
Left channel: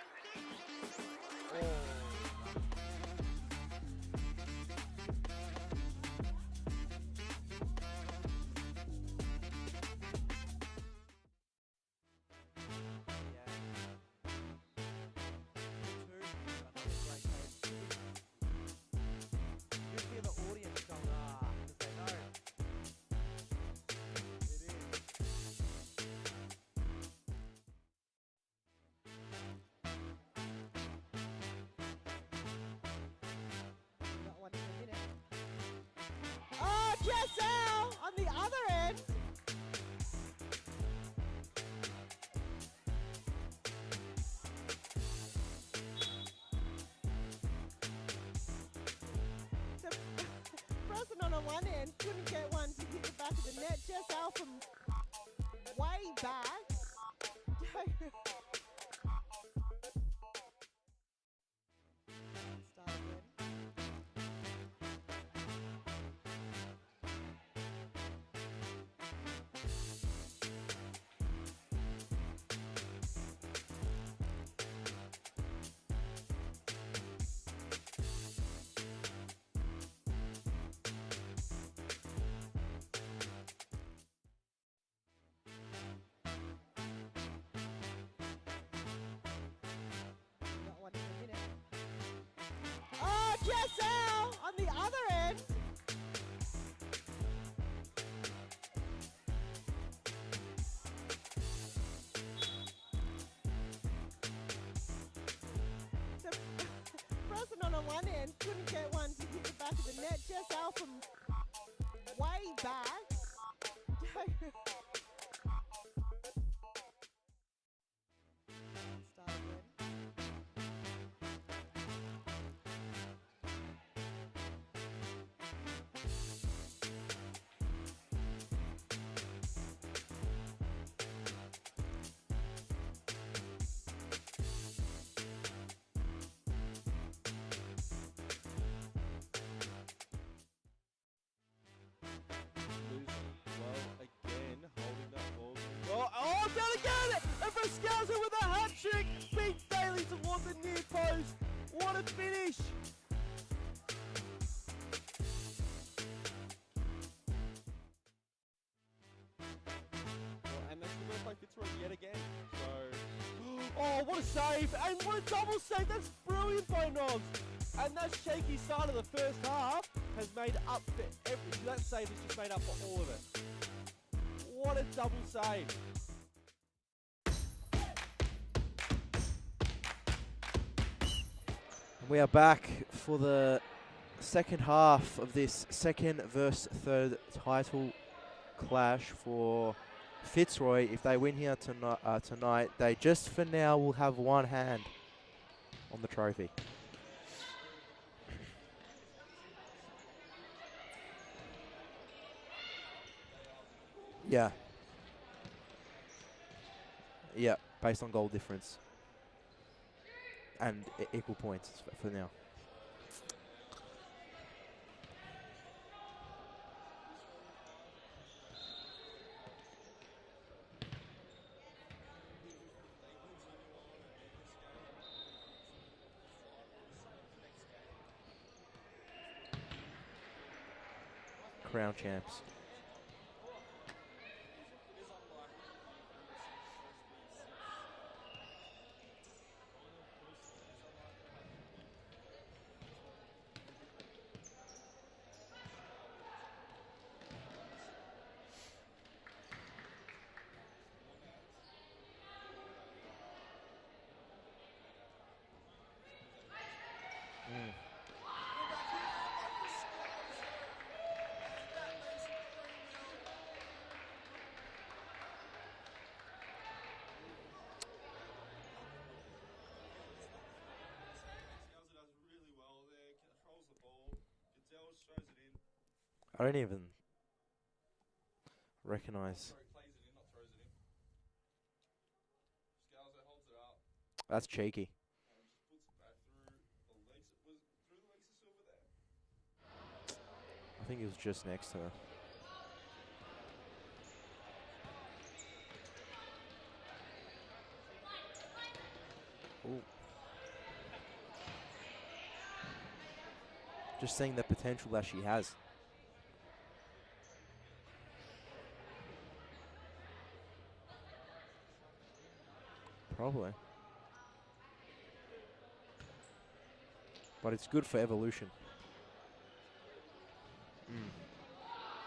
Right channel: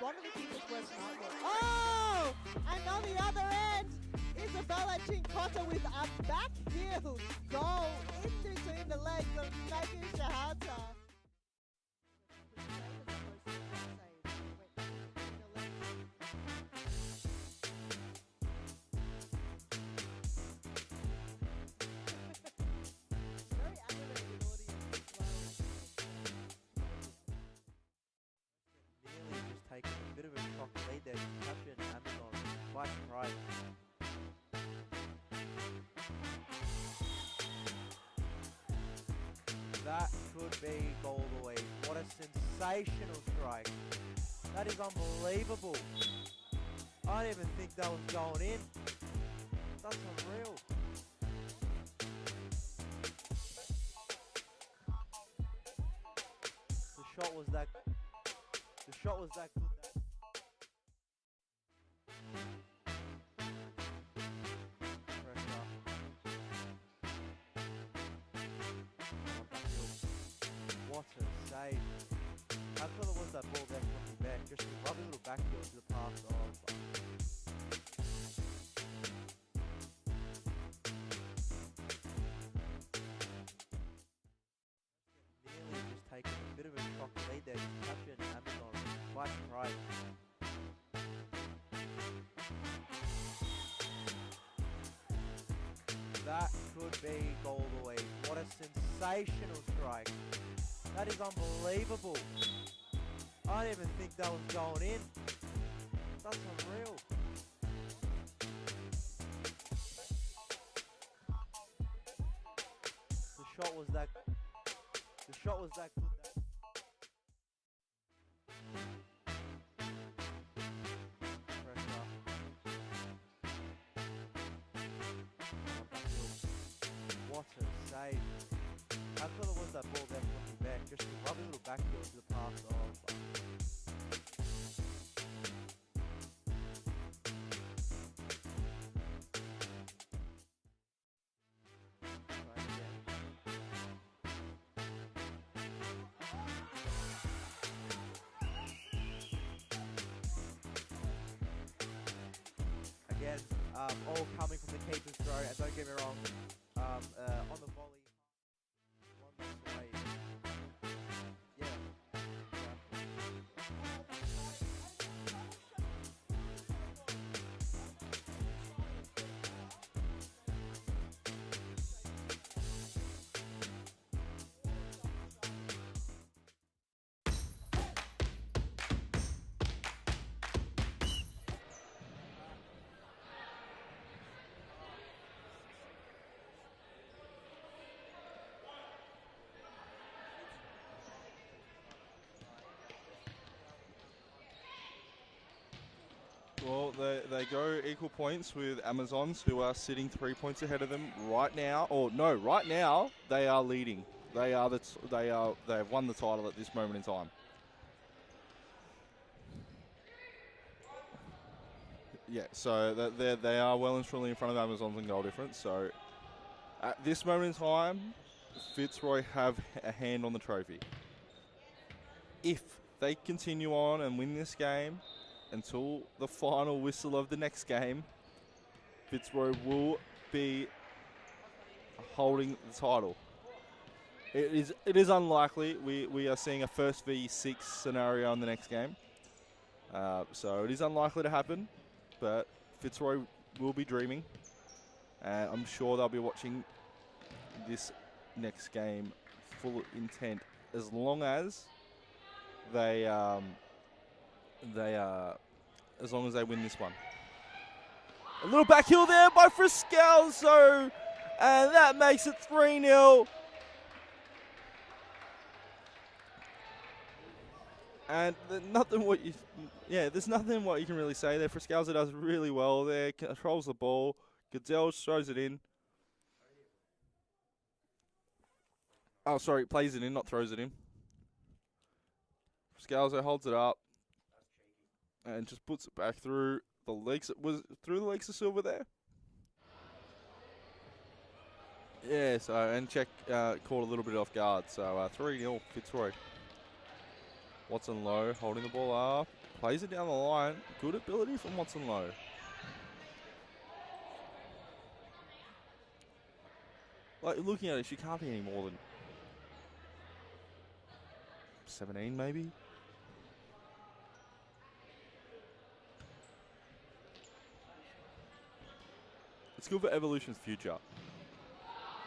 one of the biggest ones. Oh! And on the other end, Isabella Chincotta with a back heel goal in between the legs of Megan Shahata. Taking a bit of a shock lead there. Champion Amazon, quite surprised. Got one in a minute. Oh, Jessel on the other end. That could be goal of the week. What a sensational strike. That is unbelievable. I didn't even think that was going in. That's unreal. Person on the one end couldn't get one to hit the back of the net. Jessel from way back. The shot was that good. The shot was that good. What a save. I thought it was that ball there from the back. Just a lovely little back heel to the pass. Just taking a bit of a shock lead there. Champion Amazon, quite surprised. Got one in a minute. Oh, Jessel on the other end. That could be goal of the week. What a sensational strike. That is unbelievable. I didn't even think that was going in. That's unreal. Person on the one end couldn't get one to hit the back of the net. Jessel from way back. The shot was that good. The shot was that good. What a save. I thought it was that ball there from the back. Just a lovely little back heel to the pass. Oh, gonna get it! And Brascalza with a hat trick! Big Bailey towards the near post. What a finish! Again, all coming from the keeper's throw, and don't get me wrong, on the volley. And that's going to play Fitzroy yet again. Oh, what a save! And what a double save! That's brilliant by Nogs! And that shaky start of the first half has made up for everything. That save has just made up for all of it. What a double save! We are back for the second half of this second versus third title clash for Fitzroy. If they win here tonight, they just for now will have one hand on the trophy. Well, they go equal points with Amazons, who are sitting 3 points ahead of them right now. Or no, right now they are leading. Yeah. They have won the title at this moment in time. Yeah, based on goal difference and equal points for now. Yeah, so they are well and truly in front of Amazons in goal difference. So at this moment in time, Fitzroy have a hand on the trophy. If they continue on and win this game, until the final whistle of the next game, Fitzroy will be Crown champs. holding the title. It is unlikely. We are seeing a first v6 scenario in the next game. So it is unlikely to happen, but Fitzroy will be dreaming. And I'm sure they'll be watching this next game full intent as long as they win this one. A little back heel there by Friscalzo, and that makes it 3-0. And there's nothing what you can really say there. Friscalzo does really well there, controls the ball. Goodell throws it in. I don't even recognise. Oh, sorry, plays it in, not throws it in. Friscalzo holds it up That's cheeky. and just puts it back through the legs. Was it through the legs of Silver there? I think it was just next to her. Yeah, so, and Check caught a little bit off guard. So 3-0 Fitzroy. Watson Lowe holding the ball up. Plays it down the line. Good ability from Watson Lowe. Just seeing the potential that she has. Like, looking at it, she can't be any more than 17 maybe. Probably. But it's good for evolution. It's good for Evolution's future.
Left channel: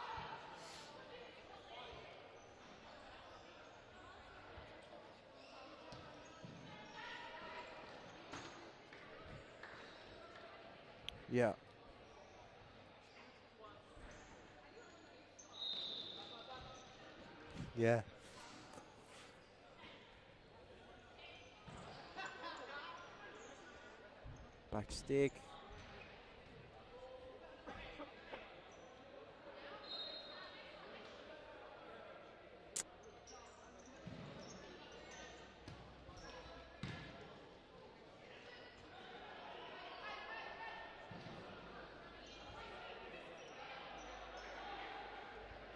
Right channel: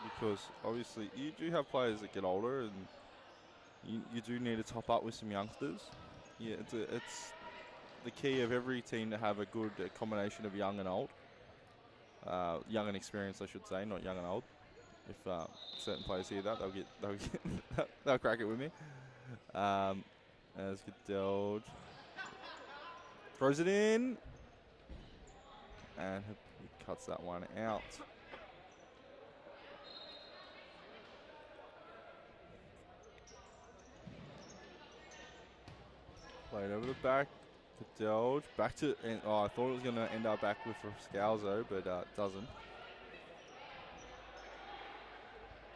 Because obviously you do have players that get older and you do need to top up with some youngsters. Yeah, it's the key of every team to have a good combination of young and old. Yeah. Young and experienced, I should say, not young and old. If certain players hear that, they'll get Yeah. they'll crack it with me. As Goodell throws it in, Back stick. and he cuts that one out. Played over the back. Goodell back to, and I thought it was going to end up back with Friscalzo, but it doesn't.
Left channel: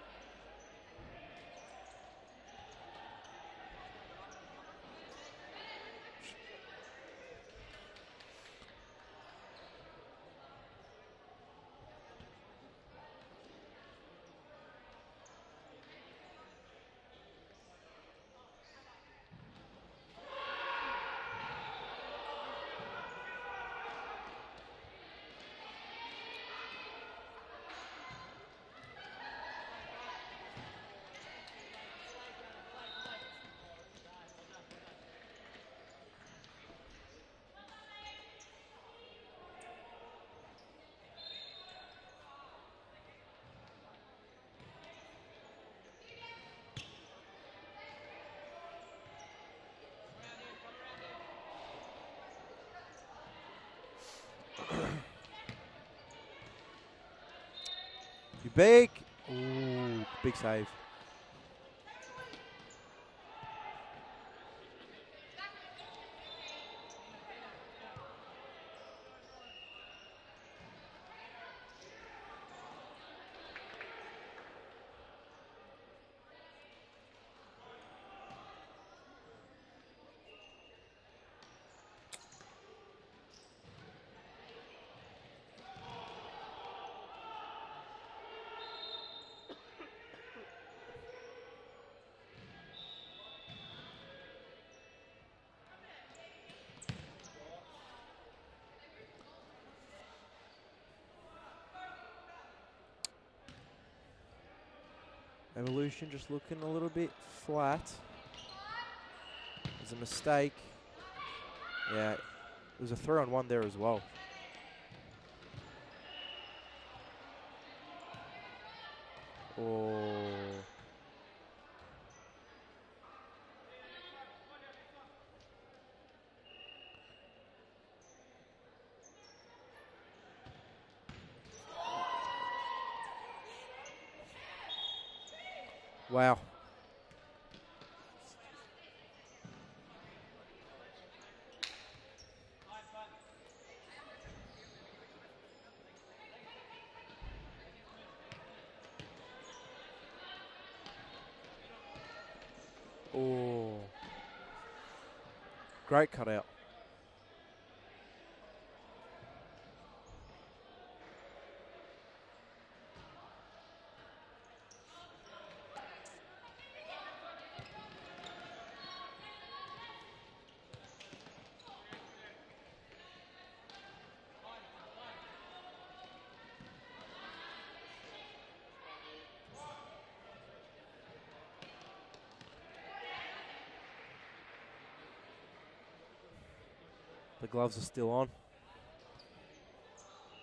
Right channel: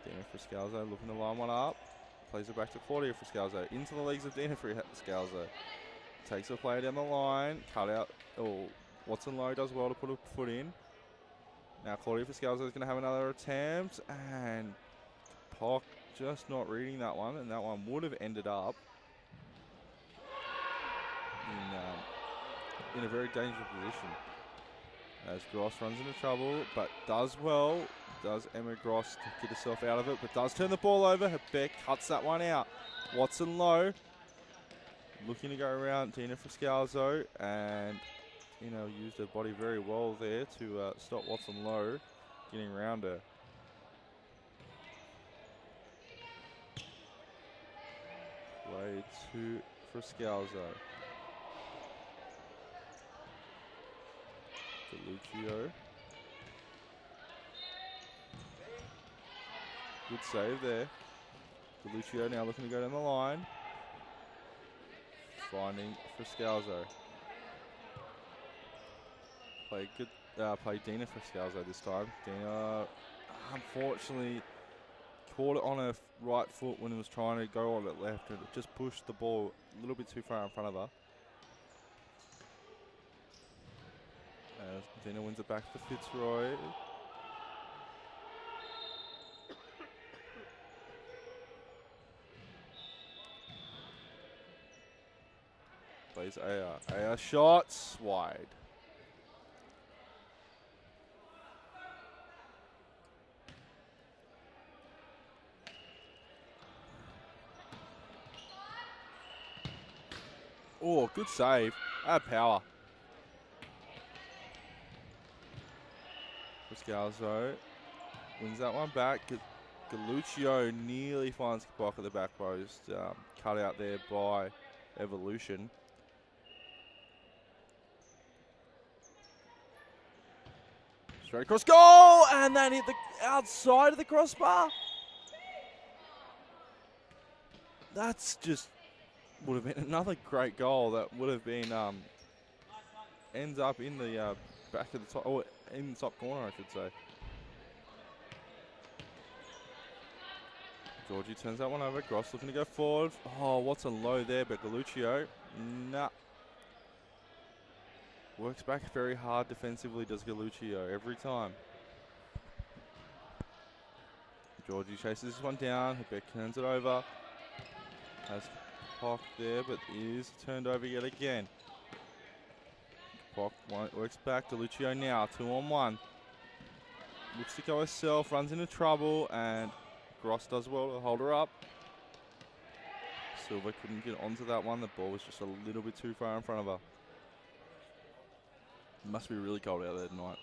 Dina Friscalzo looking to line one up. Plays it back to Claudia Friscalzo. Into the legs of Dina Friscalzo. Takes the player down the line. Cut out. Oh, Watson Lowe does well to put a foot in. Now Claudia Friscalzo is going to have another attempt. And Pock just not reading that one. And that one would have ended up in a very dangerous position. As Gross runs into trouble, but does well. Does Emma Gross to get herself out of it, but does turn the ball over. Beck cuts that one out. Watson Lowe looking to go around Dina Friscalzo, and used her body very well there to stop Watson Lowe getting around her. Play to Friscalzo. Lucio. You big. Ooh, Good big save save. there. Lucio now looking to go down the line. Finding Friscalzo. Play Dina Friscalzo this time. Dina, unfortunately, caught it on her right foot when it was trying to go on it left, and it just pushed the ball a little bit too far in front of her. Dina wins it back to Fitzroy. Plays AR. AR shots wide. Evolution just looking a little bit flat. It's a mistake. Oh, good save. Yeah. Had power. It was a 3-on-1 there as well. Friscalzo wins that one back. Lucio nearly finds Kabok at the back post. Cut out there by Evolution. Straight across goal, and that hit the outside of the crossbar. Wow. That's just would have been another great goal. That would have been ends up in the back of the top, or in the top corner, I should say. Georgie turns that one over. Gross looking to go forward. Ooh. Oh, Watson Lowe there, but Lucio. Great cutout. Works back very hard defensively, does Galuccio, every time. Georgie chases this one down. Beck turns it over. Has Pock there, but is turned over yet again. Pock works back. Galuccio now, 2-on-1. Looks to go herself, runs into trouble, and Gross does well to hold her up. Silva couldn't get onto that one. The ball was just a little bit too far in front of her. The gloves are still on. It must be really cold out there tonight.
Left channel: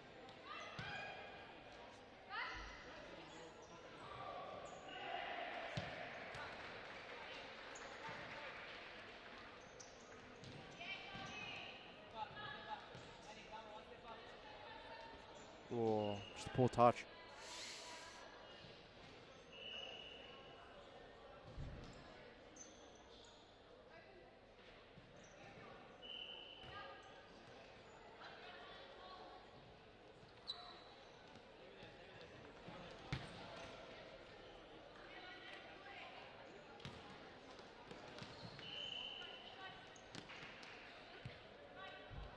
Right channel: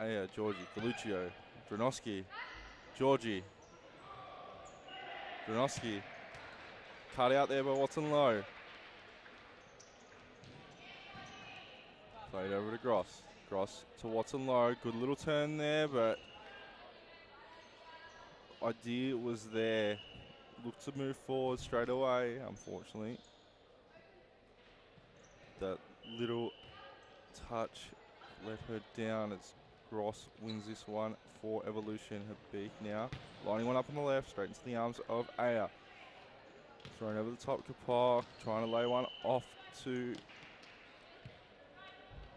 Hey, Georgie, Galuccio, Dronoski, Georgie, Dronoski. Cut out there by Watson Lowe. Played over to Gross. Gross to Watson Lowe. Good little turn there, but just a poor touch. Idea was there. Looked to move forward straight away, unfortunately. That little touch let her down. It's Gross wins this one for Evolution. Her beak now. Lining one up on the left, straight into the arms of Aya. Throwing over the top, Kapok. Trying to lay one off to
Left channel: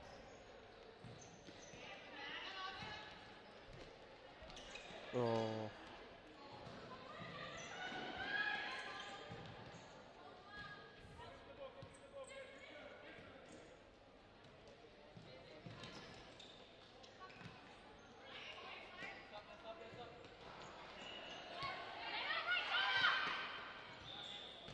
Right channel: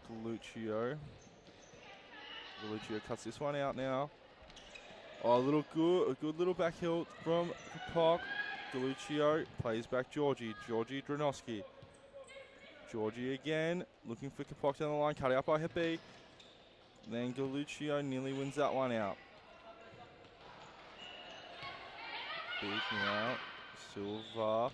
Galuccio. Galuccio cuts this one out now. Oh, a good little back heel from Kapok. Galuccio plays back Georgie. Georgie Dronoski. Georgie again, looking for Kapok down the line, cut out by Habib. Then Galuccio nearly wins that one out. Big now, Silva,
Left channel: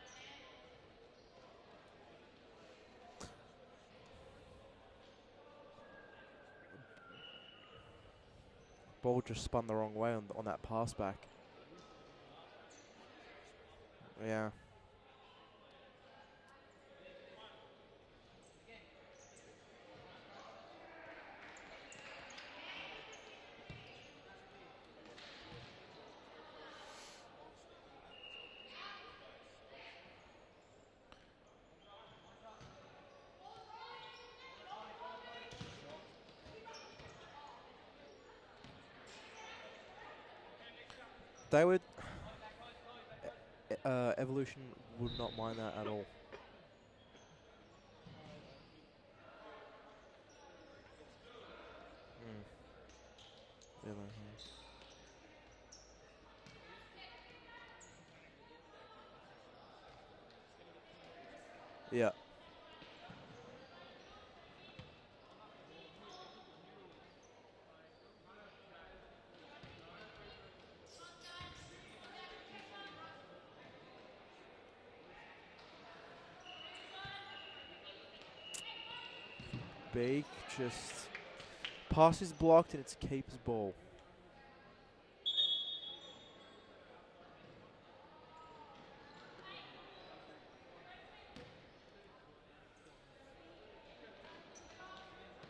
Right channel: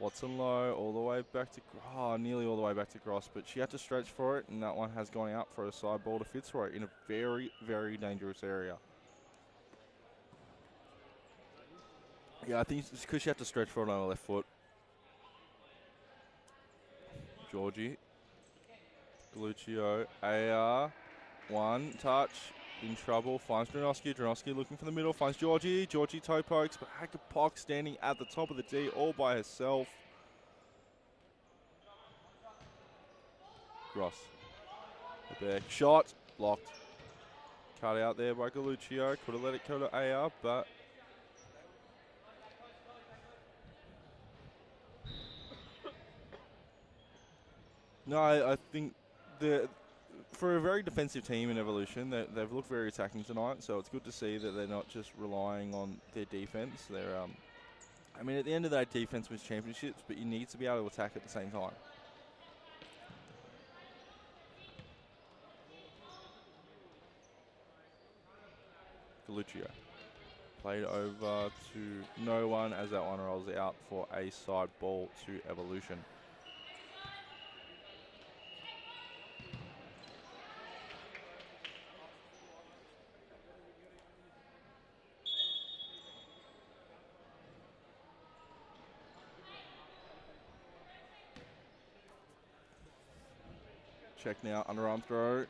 Watson Lowe, all the way back to, nearly all the way back to Gross, but she had to stretch for it, and that one has gone out for a side ball to Fitzroy in a very, very dangerous area. Ball just spun the wrong way on that pass back. Yeah, I think it's because she had to stretch for it on the left foot. Georgie, Galuccio, AR, one touch, in trouble, finds Dronoski. Dronoski looking for the middle, finds Georgie. Georgie toe pokes, but Hakapok standing at the top of the D all by herself. Gross. The back shot, blocked. Cut out there by Galuccio. Could have let it go to AR, but they would. Evolution would not mind that at all. No, I think for a very defensive team in Evolution, they've looked very attacking tonight. So it's good to see that they're not just relying on their defense. They're, I mean, at the end of the day, defense wins championships, but you need to be able to attack at the same time. Yeah. Galuccio played over to no one as that one rolls out for a side ball to Evolution. Beak just passes blocked and it's keeper's ball. Check now, underarm throw.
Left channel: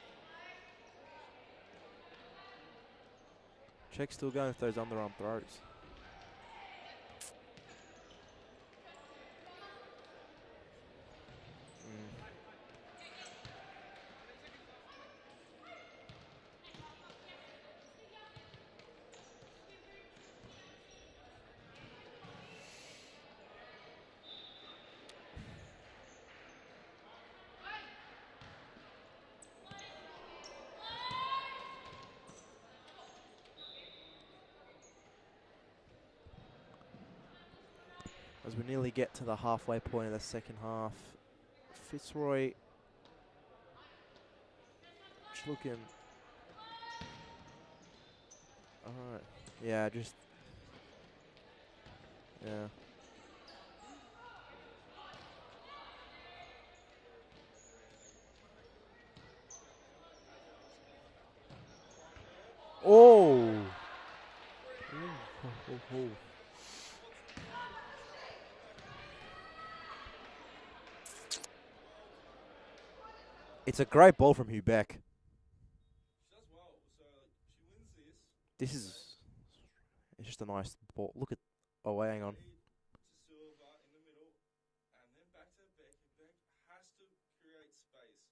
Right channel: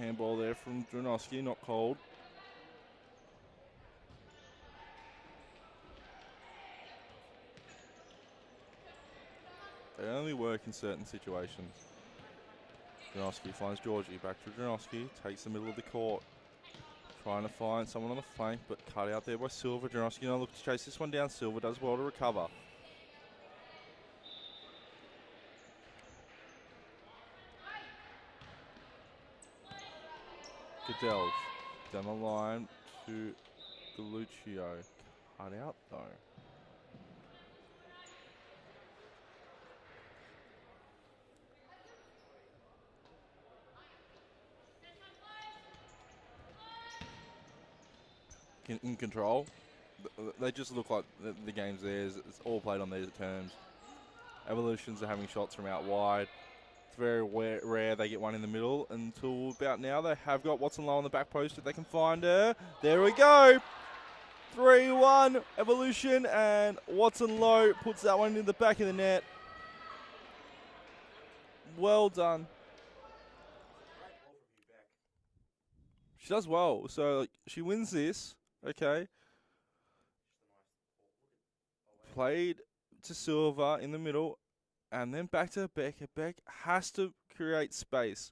Handball there from Dronoski, not called. Check still going with those underarm throws. They only work in certain situations. Dronoski finds Georgie, back to Dronoski, takes the middle of the court. Trying to find someone on the flank, but cut out there by Silva. Dronoski now looks to chase this one down. Silva does well to recover. Goodell's down the line to Galuccio. Cut out though. As we nearly get to the halfway point of the second half, Fitzroy looking in control. Yeah, they just look like the game's theirs. It's all played on their terms. Evolutions are having shots from out wide. It's very rare they get one in the middle. Until about now, they have got Watson Lowe on the back post if they can find her. There we go. 3-1 Evolution, and Watson Lowe puts that one in the back of the net. Well done. It's a great ball from Hugh Beck. She does well. So she wins this. It's just a nice ball. Look at played to Silva in the middle, and then back to Beck. Beck has to create space.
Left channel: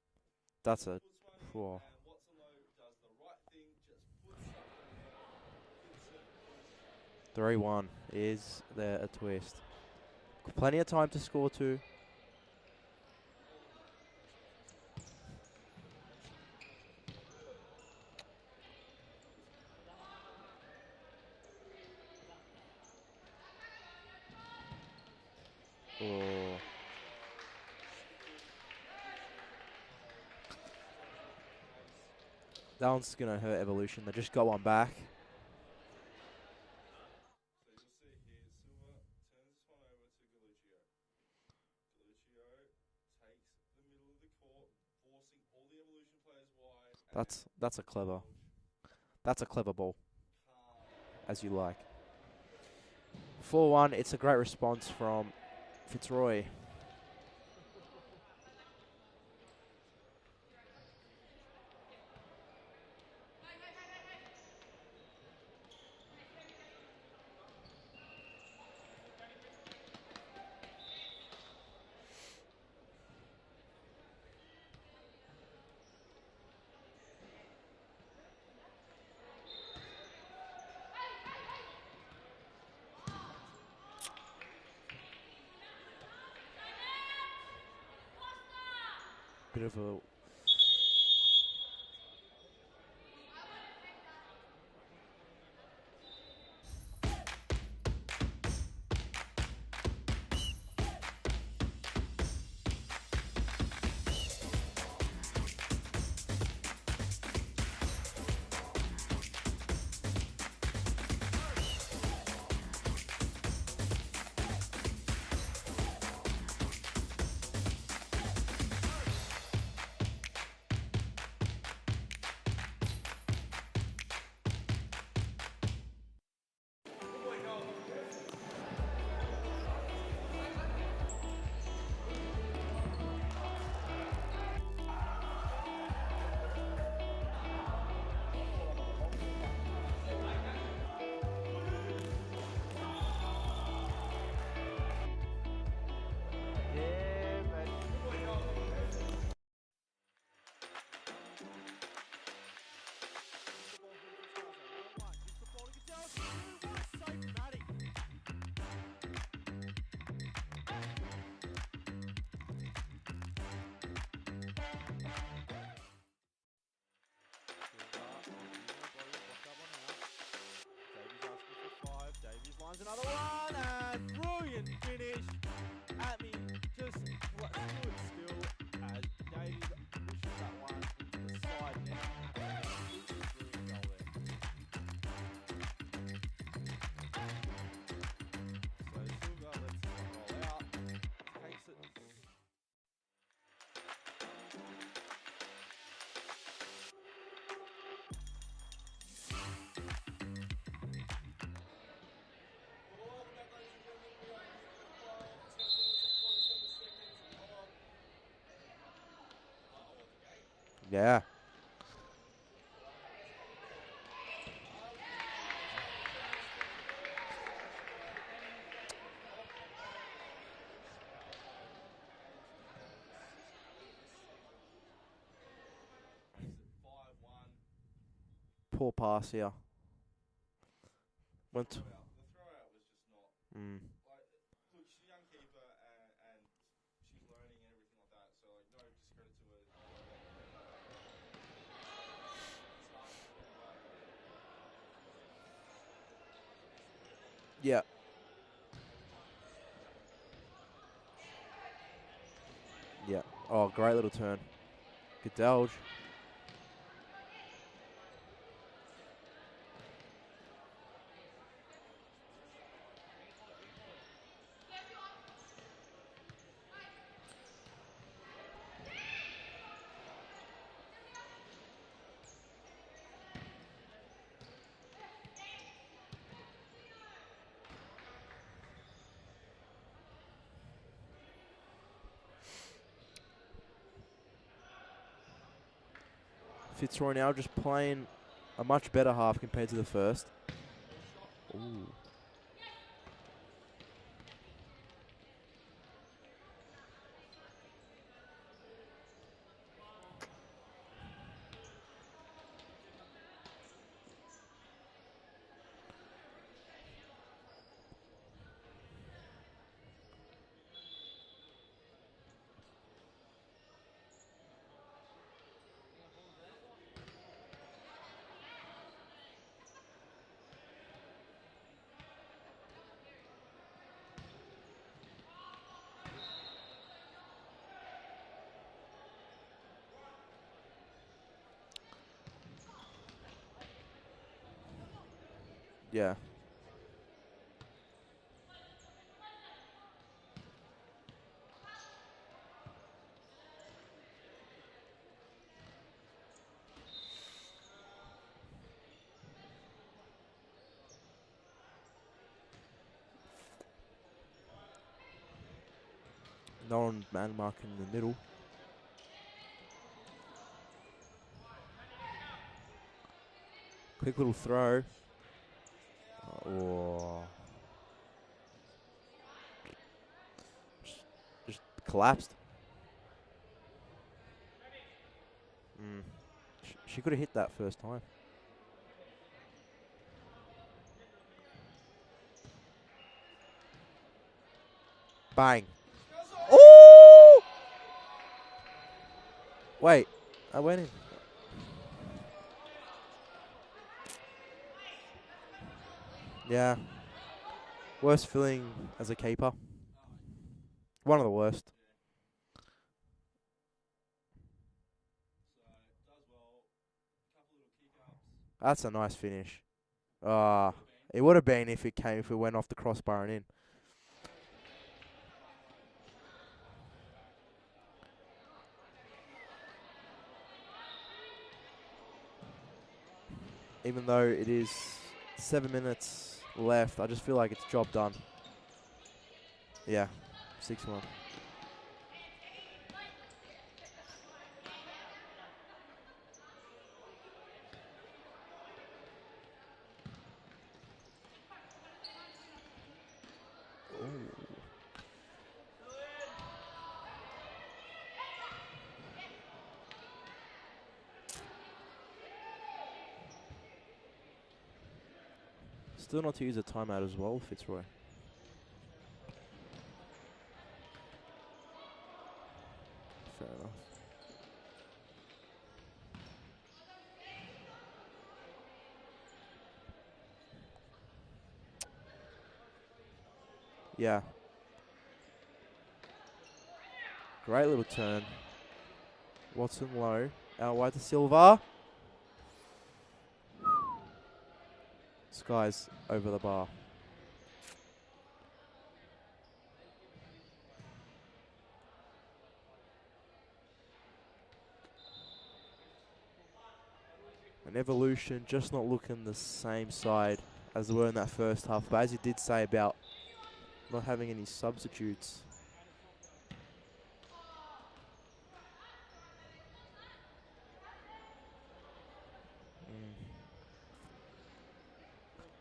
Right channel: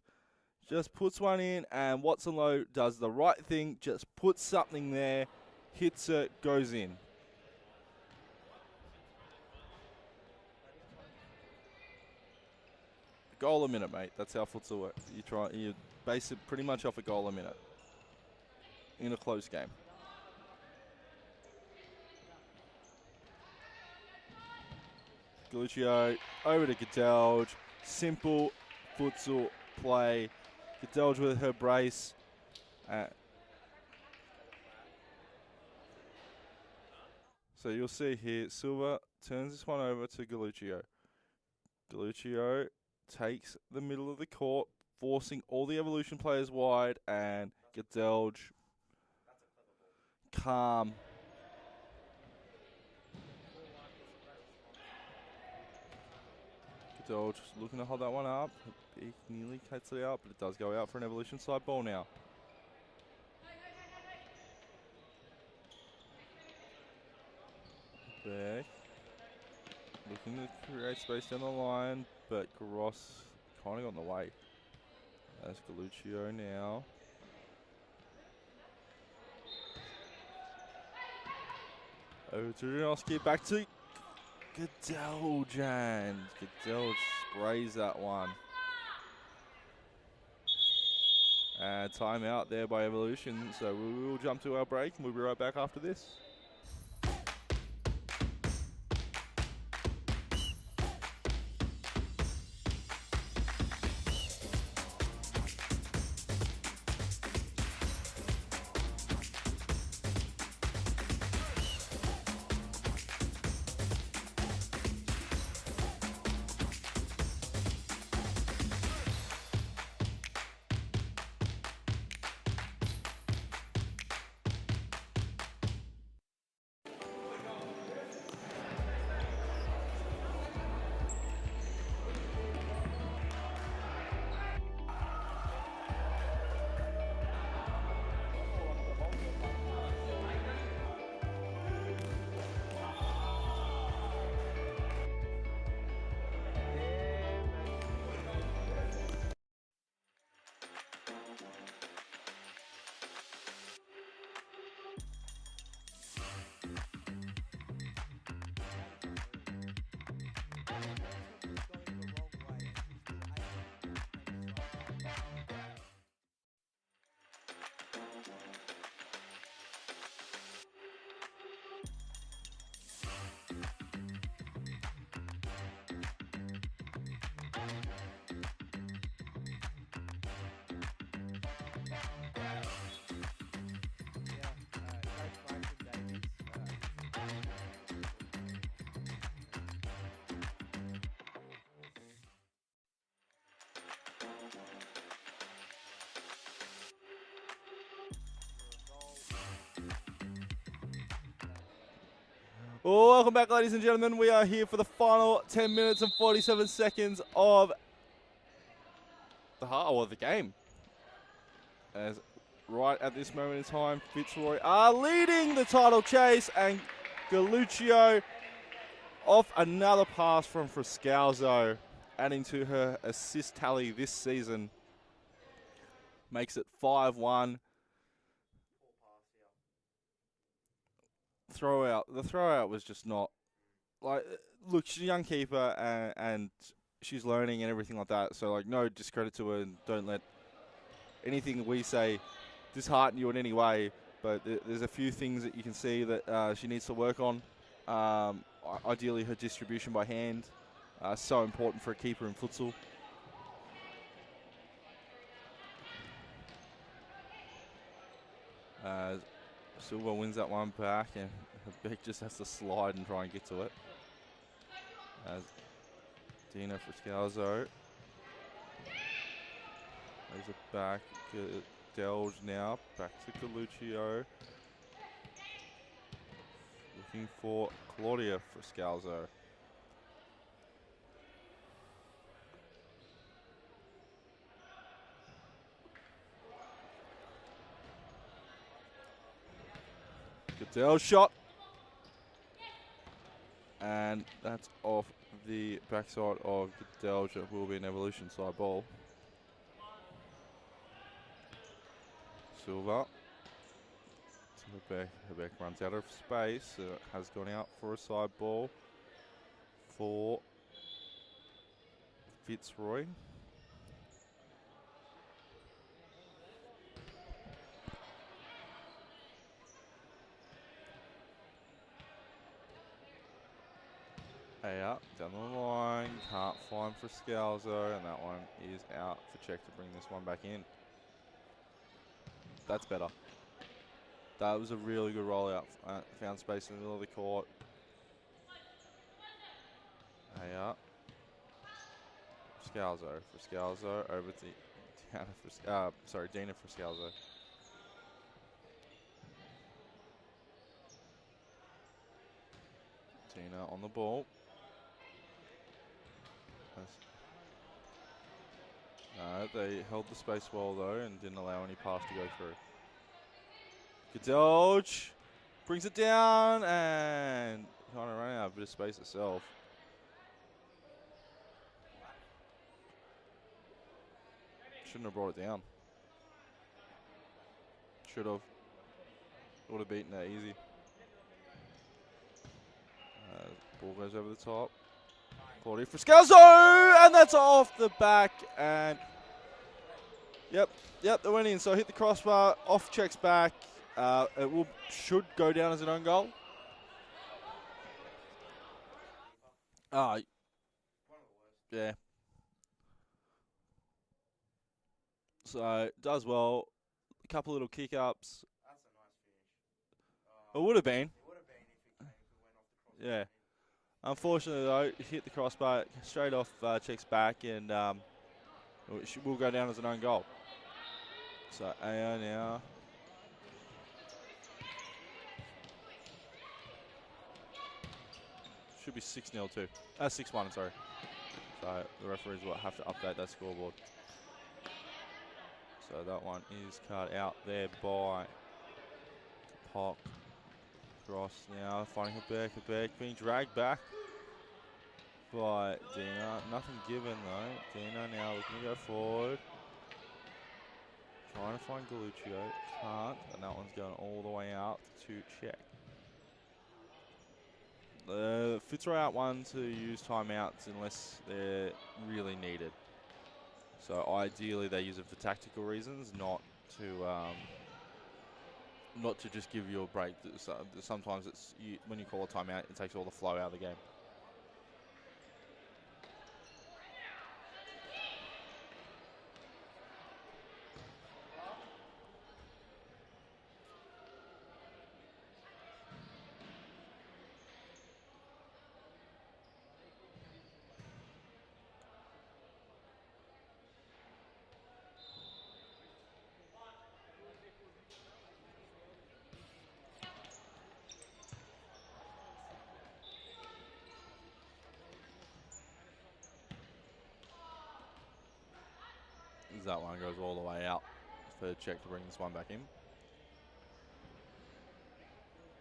Just puts one in, and Watson Lowe does the right thing. Just puts something there, hits it, goes in. 3-1. Is there a twist? Plenty of time to score too. Goal a minute, mate. That's how futsal works. You base it pretty much off a goal a minute in a close game. Galuccio over to Cadelge. Simple futsal play. Cadelge with her brace. That one's going to hurt Evolution. They just got one back. So you'll see here, Silva turns this one over to Galuccio. Galuccio takes the middle of the court, forcing all the Evolution players wide, and that's Cadelge. That's a clever ball. Calm. As you like. 4-1, it's a great response from Fitzroy. Cadelge looking to hold that one up. He nearly cuts it out, but it does go out for an Evolution side ball now. Beck looking to create space down the line, but Gross kind of got in the way. That's Galuccio now. Over to Rinoski, back to Cadelge, and Cadelge sprays that one. Bit of a timeout there by Evolution, so we will jump to our break and we'll be right back after this. Well, welcome back, ladies and gentlemen. We are here for the final 10 minutes and 47 seconds of the game. yeah. As right at this moment in time, Fitzroy are leading the title chase, and Galuccio off another pass from Friscalzo, adding to her assist tally this season, makes it 5-1. Poor pass here. The throw out was just not like. Look, she's a young keeper and she's learning and everything like that. So like, no discredit to her, and don't let anything we say dishearten you in any way. But there's a few things that you can see that she needs to work on. Yeah. Ideally, her distribution by hand, so important for a keeper in futsal. Yeah. Oh, great little turn. Cadelge. Silva wins that one back, and Beck just has to slide and try and get to it. As Dina Friscalzo. There's it back. Delge now. Back to Galuccio. Looking for Claudia Friscalzo. Fitzroy now just playing a much better half compared to the first. Cadelge shot. Ooh. And that's off the backside of Cadelge. It will be an Evolution side ball. Silva. Beck runs out of space. Has gone out for a side ball for Fitzroy. Hey up, down the line, can't find for Scalzo, and that one is out for check to bring this one back in. That's better. That was a really good rollout. Yeah. Found space in the middle of the court. Hey up. Scalzo for Scalzo, over to Diana for, Dina for Scalzo. Dina on the ball. No one man marking in the middle. They held the space well though and didn't allow any pass to go through. Quick little throw. Dodge. Brings it down Oh. and kind of running out of a bit of space itself. Just collapsed. Shouldn't have brought it down. She could have hit that first time. Should have. Would have beaten that easy. Ball goes over the top. Bang. 40 for Scalzo! And that's off the back. And Wait. Yep. That went in. Yep, they went in. So hit the crossbar, off checks back. It should go down as an own goal. Yeah. Worst feeling as a keeper. One of the worst. Yeah. So does well. A couple little kick ups. That's a nice finish. It would have been. It would have been if it went off the crossbar Yeah. and in. Unfortunately though, hit the crossbar straight off, checks back, and will go down as an own goal. So AO now. Even though it is 7 minutes left, I just feel like it's job done. Should be 6-0 too. Yeah. 6-1, sorry. 6-1. So the referees will have to update that scoreboard. So that one is cut out there by Pop. Ross now finding her back, being dragged back by Dina. Nothing given though. Dina now looking to go forward. Trying to find Galuccio. Can't. And that one's going all the way out to check. Still not to use a timeout as well, Fitzroy. Fitzroy out one to use timeouts unless they're really needed. Fair enough. So ideally they use it for tactical reasons, not to just give you a break. Sometimes when you call a timeout, it takes all the flow out of the game. Yeah. Great little turn. Watson low. Out wide to Silva. Sky's over the bar. An Evolution just not looking the same side as they were in that first half. But as you did say about not having any substitutes. That one goes all the way out. Third check to bring this one back in.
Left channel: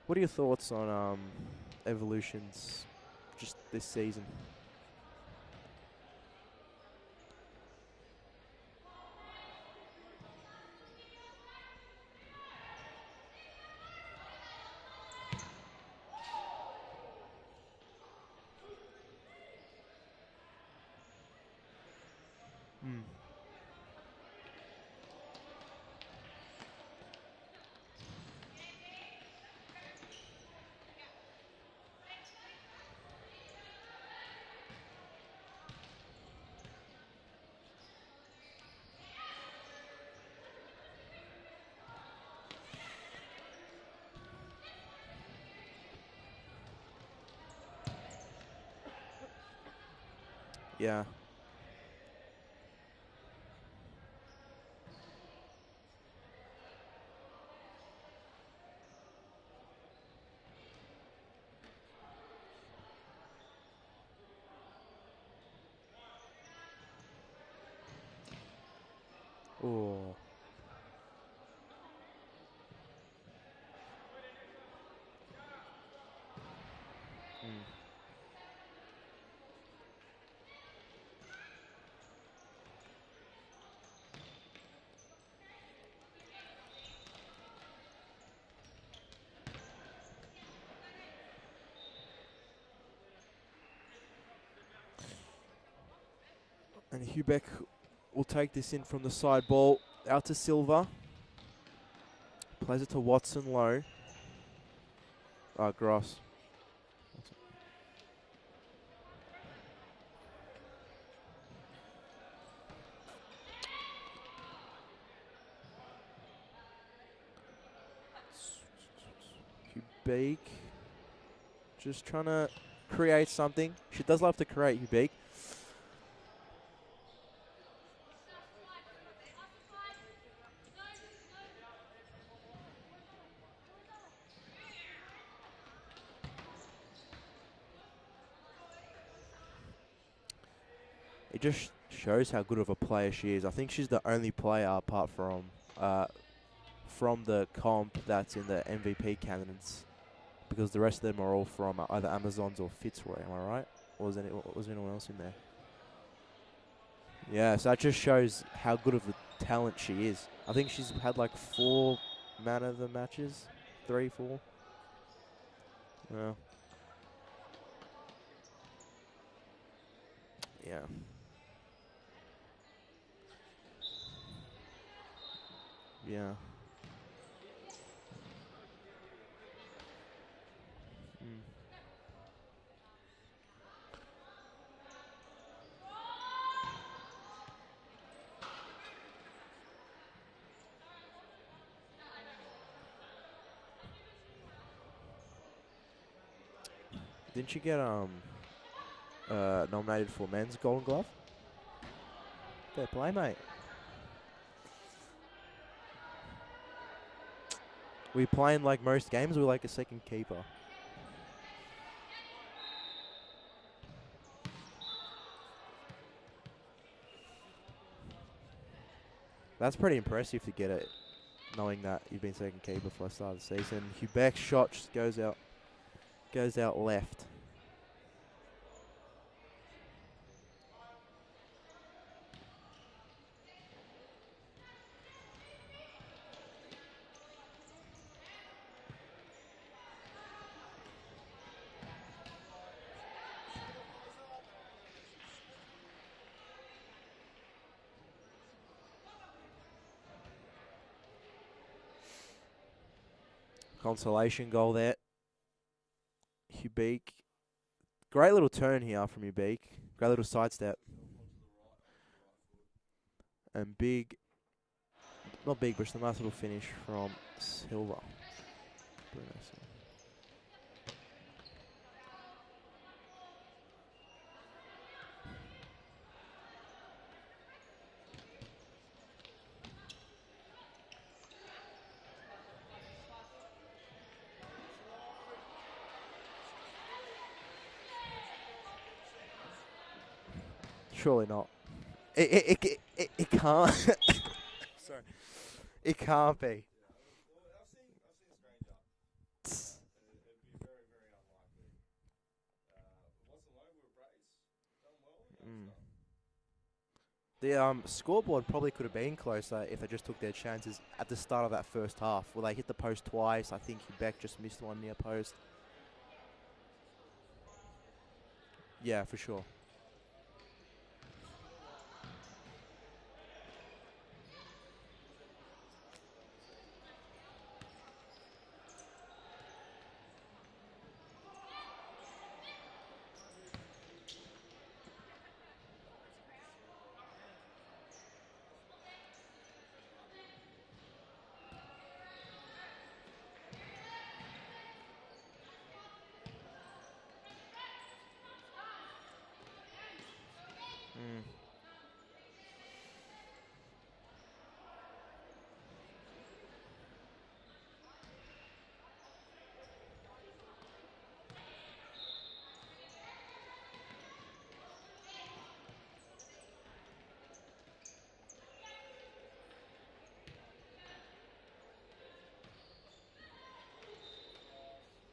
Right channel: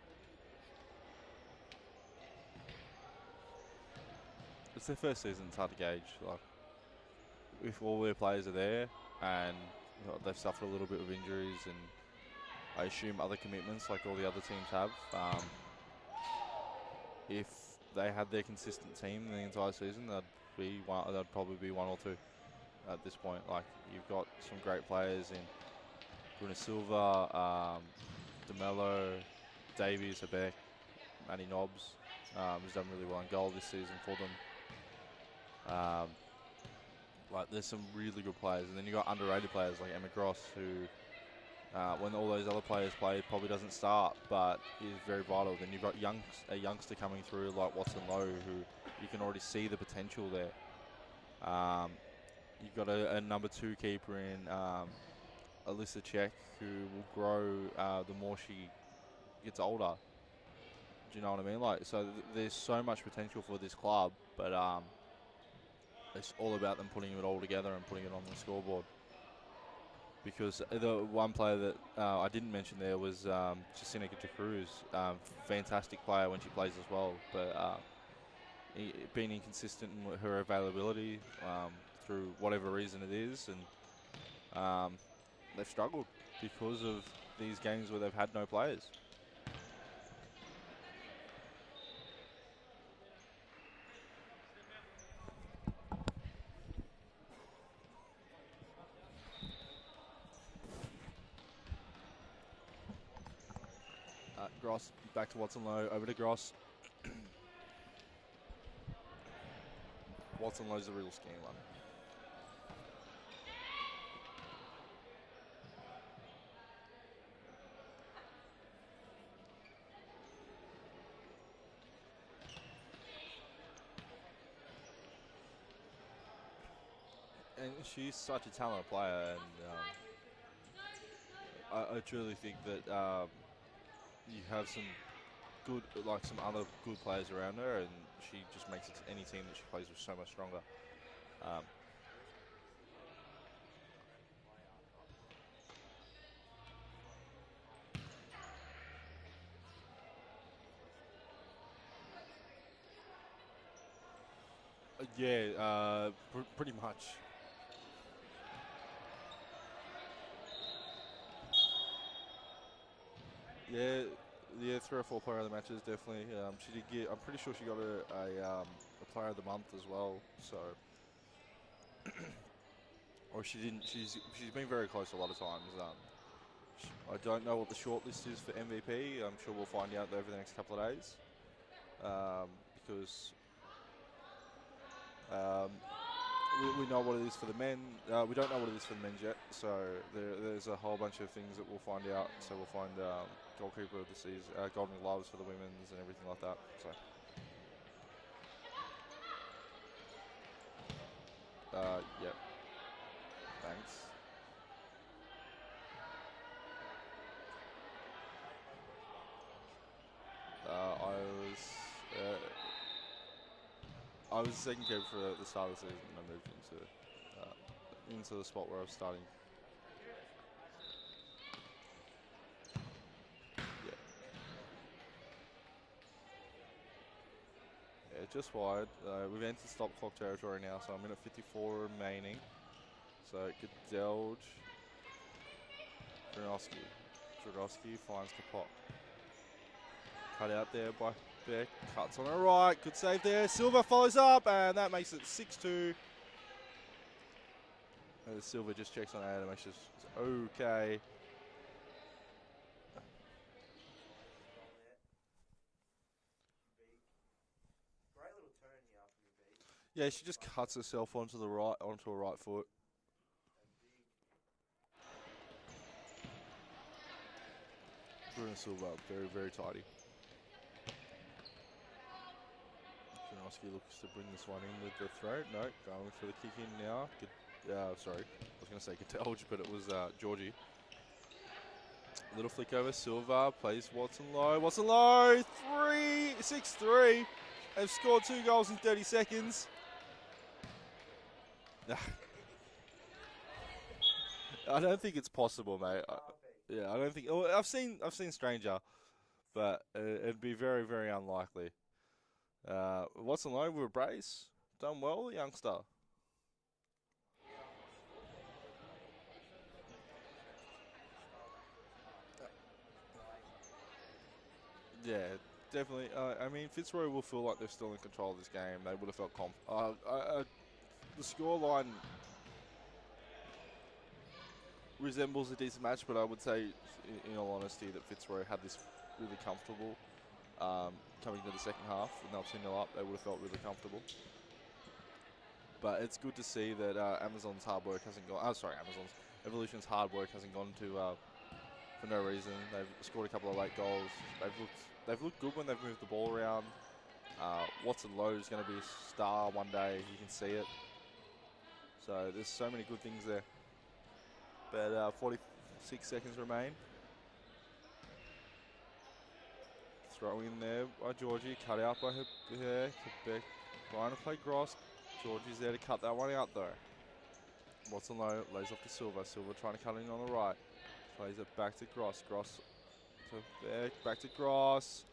What are your thoughts on Evolutions just this season? It's their first season, it's hard to gauge. Like, if all their players are there and they've suffered a little bit of injuries and I assume other commitments like all the other teams have, if they had their consistent team the entire season, that'd probably be one or two at this point. Like, you've got some great players in Bruno Silva, DeMello, Davies, Abeck, Matty Nobbs, who's done really well in goal this season for them. Like, there's some really good players, and then you've got underrated players like Emma Gross, who, when all those other players play, probably doesn't start, but is very vital. Then you've got a youngster coming through like Watson Lowe, who you can already see the potential there. Yeah. You've got a number 2 keeper in Alyssa Czech, who will grow the more she gets older. Do you know what I mean? Like, so there's so much potential for this club, but it's all about them putting it all together and putting it on the scoreboard. Oh. Because the one player that I didn't mention there was Jacinta Cruz. Fantastic player when she plays as well, but being inconsistent in her availability through whatever reason it is, and they've struggled because of these games where they've had no players. Hubeck will take this in from the side ball. Out to Silva. Plays it to Watson low. Gross, back to Watson. Gross. Over to Gross. Watson Lowe's the real skinny one. Hubeek. Just trying to create something. She does love to create, Hubeek. And she's such a talented player, and I truly think that you have some some other good players around her, and she just makes any team that she plays with so much stronger. It just shows how good of a player she is. I think she's the only player apart from the comp that's in the MVP candidates, because the rest of them are all from either Amazons or Fitzroy. Am I right? Or was anyone else in there? Yeah, pretty much. Yeah, so that just shows how good of a talent she is. I think she's had like 4 man of the matches. Yeah, 3, 4. Yeah, 3 or 4 player of the matches, definitely. Yeah. She did get. I'm pretty sure she got a player of the month as well. So Yeah. or she didn't. She's been very close a lot of times. Yeah. I don't know what the shortlist is for MVP. I'm sure we'll find out over the next couple of days. Because we know what it is for the men. We don't know what it is for the men's yet. So there's a whole bunch of things that we'll find out. So we'll find goalkeeper of the season, Golden Gloves for the women's and everything like that. So Didn't she get nominated for men's Golden Glove? yeah. Fair play, mate. Thanks. We playing like most games, or like a second keeper? I was second keeper for the start of the season, and I moved into the spot where I was starting. That's pretty impressive to get it, knowing that you've been second keeper for the start of the season. Hubeck's shot just goes out left. Yeah, just wide. We've entered stop clock territory now, so I'm in at 54 remaining. So Gedelge, Dragowski finds the pop. Cut out there by Beck, cuts on the right, good save there. Silva follows up, and that makes it 6-2. And Silva just checks on that and makes it okay. Consolation goal there. Hubeek. Great little turn here from Hubeek. Yeah, Great little she just side cuts step. herself onto the right, onto her right foot. And big, not big, but just a nice little finish from Silva. Bruno Silva, very, very tidy. Janowski looks to bring this one in with the throw. No, going for the kick in now. Sorry, I was going to say Getelge, but it was Georgie. Little flick over, Silva plays Watson low. Watson low, 6-3. They've scored 2 goals in 30 seconds. Surely not. It can't. I don't think it's possible, mate. It can't be. Yeah, I don't think. Oh, I've seen Stranger, but it'd be very, very unlikely. Watson low with a brace, done well, youngster. The scoreboard probably could have been closer if they just took their chances at the start of that first half. Well, they hit the post twice. I think Beck just missed one near post. Yeah, definitely. I mean, Fitzroy will feel like they're still in control of this game. Yeah, for sure. The scoreline resembles a decent match, but I would say, in all honesty, that Fitzroy had this really comfortable coming into the second half. When they were 2-0 up, they would have felt really comfortable. But it's good to see that Evolution's hard work hasn't gone to for no reason. They've scored a couple of late goals. They've looked good when they've moved the ball around. Watson Lowe is going to be a star one day. You can see it. So there's so many good things there. But 46 seconds remain. Throw in there by Georgie. Cut out by her. Quebec. Trying to play Gross. Georgie's there to cut that one out though. Watson low, lays off to Silva. Silva trying to cut in on the right. Plays it back to Gross. Gross to Beck. Back to Gross.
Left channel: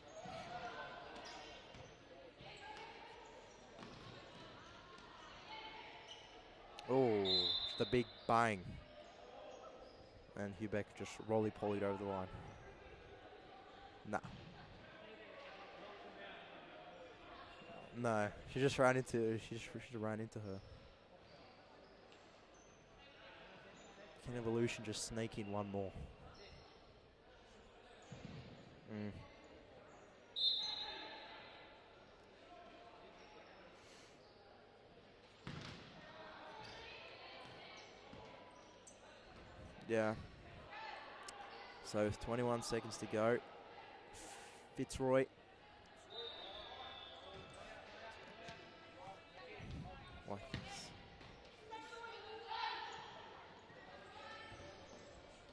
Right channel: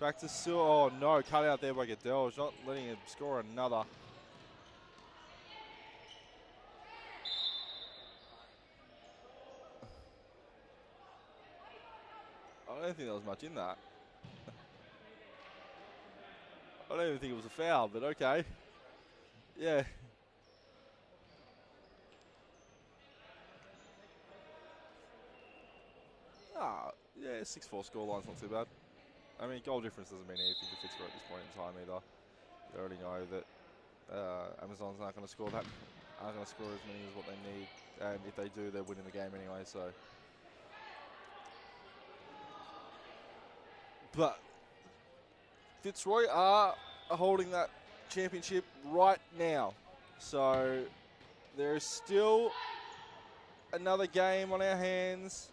Back to Silva. Oh no, cut out there by Gedelge. Not letting him score another. Oh, the big bang. And Hubeck just roly-polied over the line. I don't think there was much in that. Nah. I don't even think it was a foul, but no, okay. She just ran into her. Can Evolution just sneak in one more? Yeah, 6-4 scoreline's not too bad. I mean, goal difference doesn't mean anything to Fitzroy at this point in time either. They already know that Amazon's not going to score that. Aren't going to score as many as what they need, and if they do, they're winning the game anyway. So Yeah. So with 21 seconds to go, but Fitzroy are holding that championship right now. So there is still another game on our hands.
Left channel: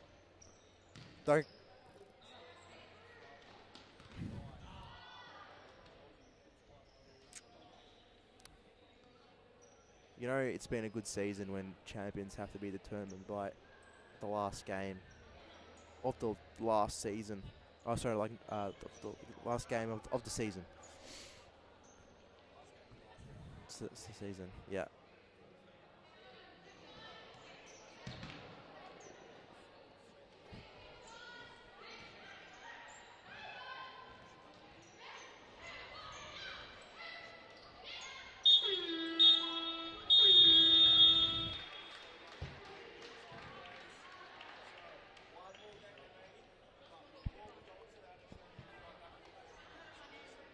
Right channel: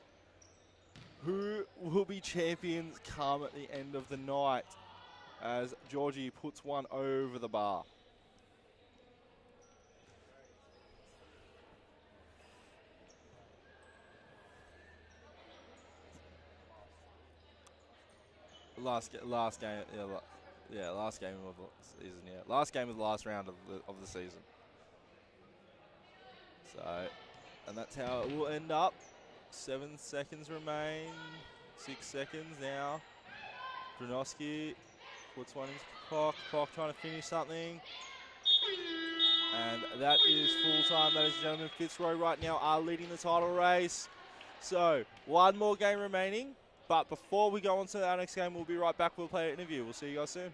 Who will be champions come at the end of the night as Georgie puts one over the bar? You know, it's been a good season when champions have to be determined by the last game of the last season. Oh, sorry, like last game of the season. Yeah, last game of the season. Yeah, last game of the last round of the season. Yeah. So, and that's how it will end up. 7 seconds remain. 6 seconds now. Brunoski puts one into Pock. Pock trying to finish something. And that is full time, ladies and gentlemen. Fitzroy right now are leading the title race. So, one more game remaining. But before we go on to our next game, we'll be right back with a player interview. We'll see you guys soon.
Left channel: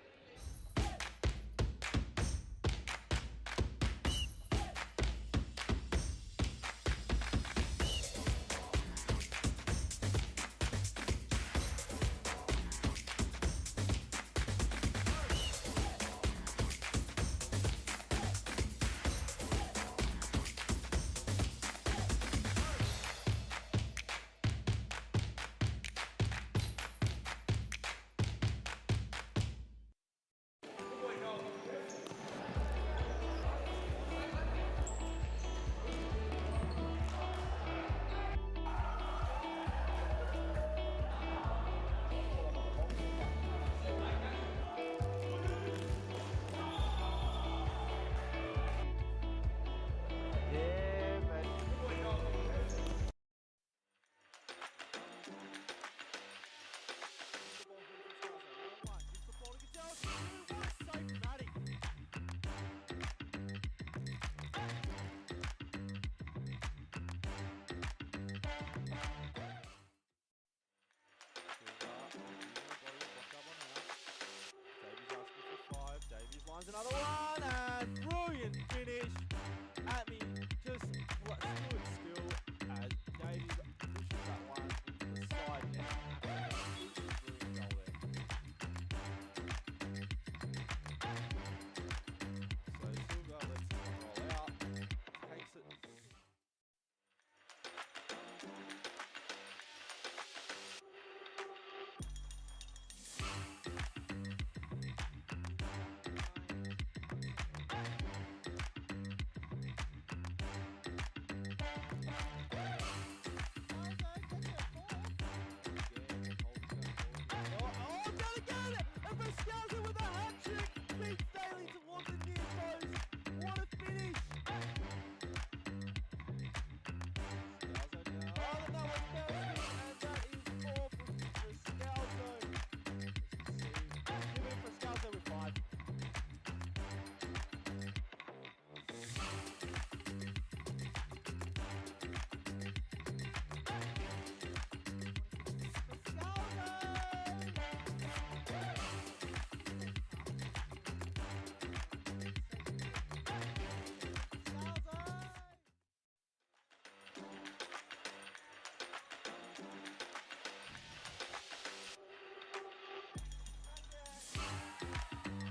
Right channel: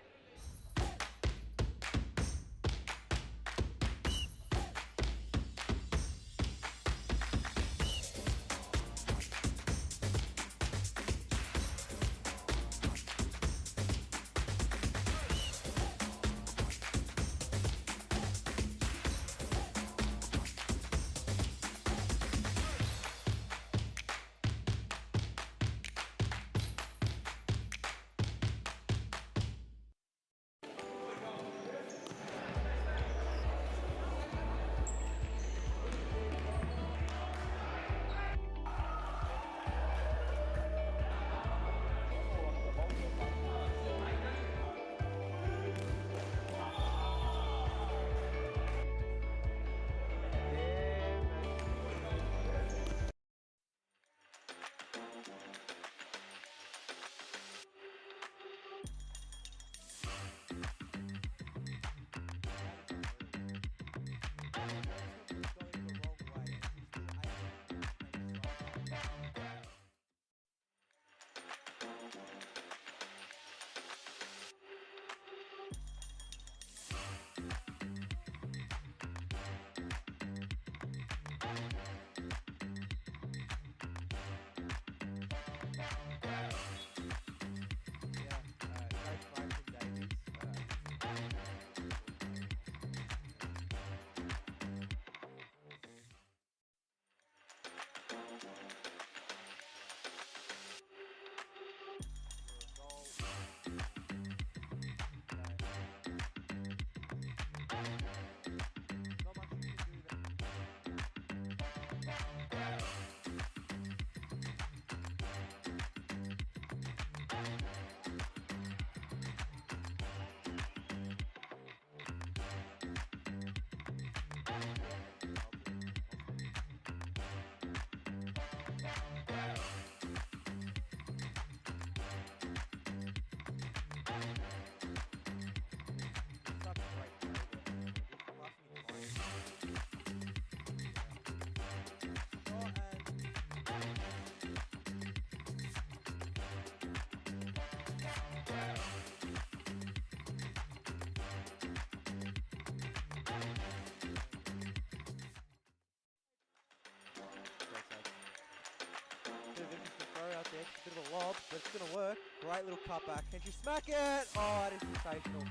That's going to work. Great little cutback. Can she smack it? Oh, it is faithful.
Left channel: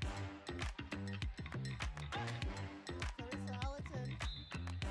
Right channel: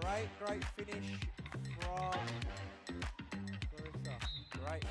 Great finish from Great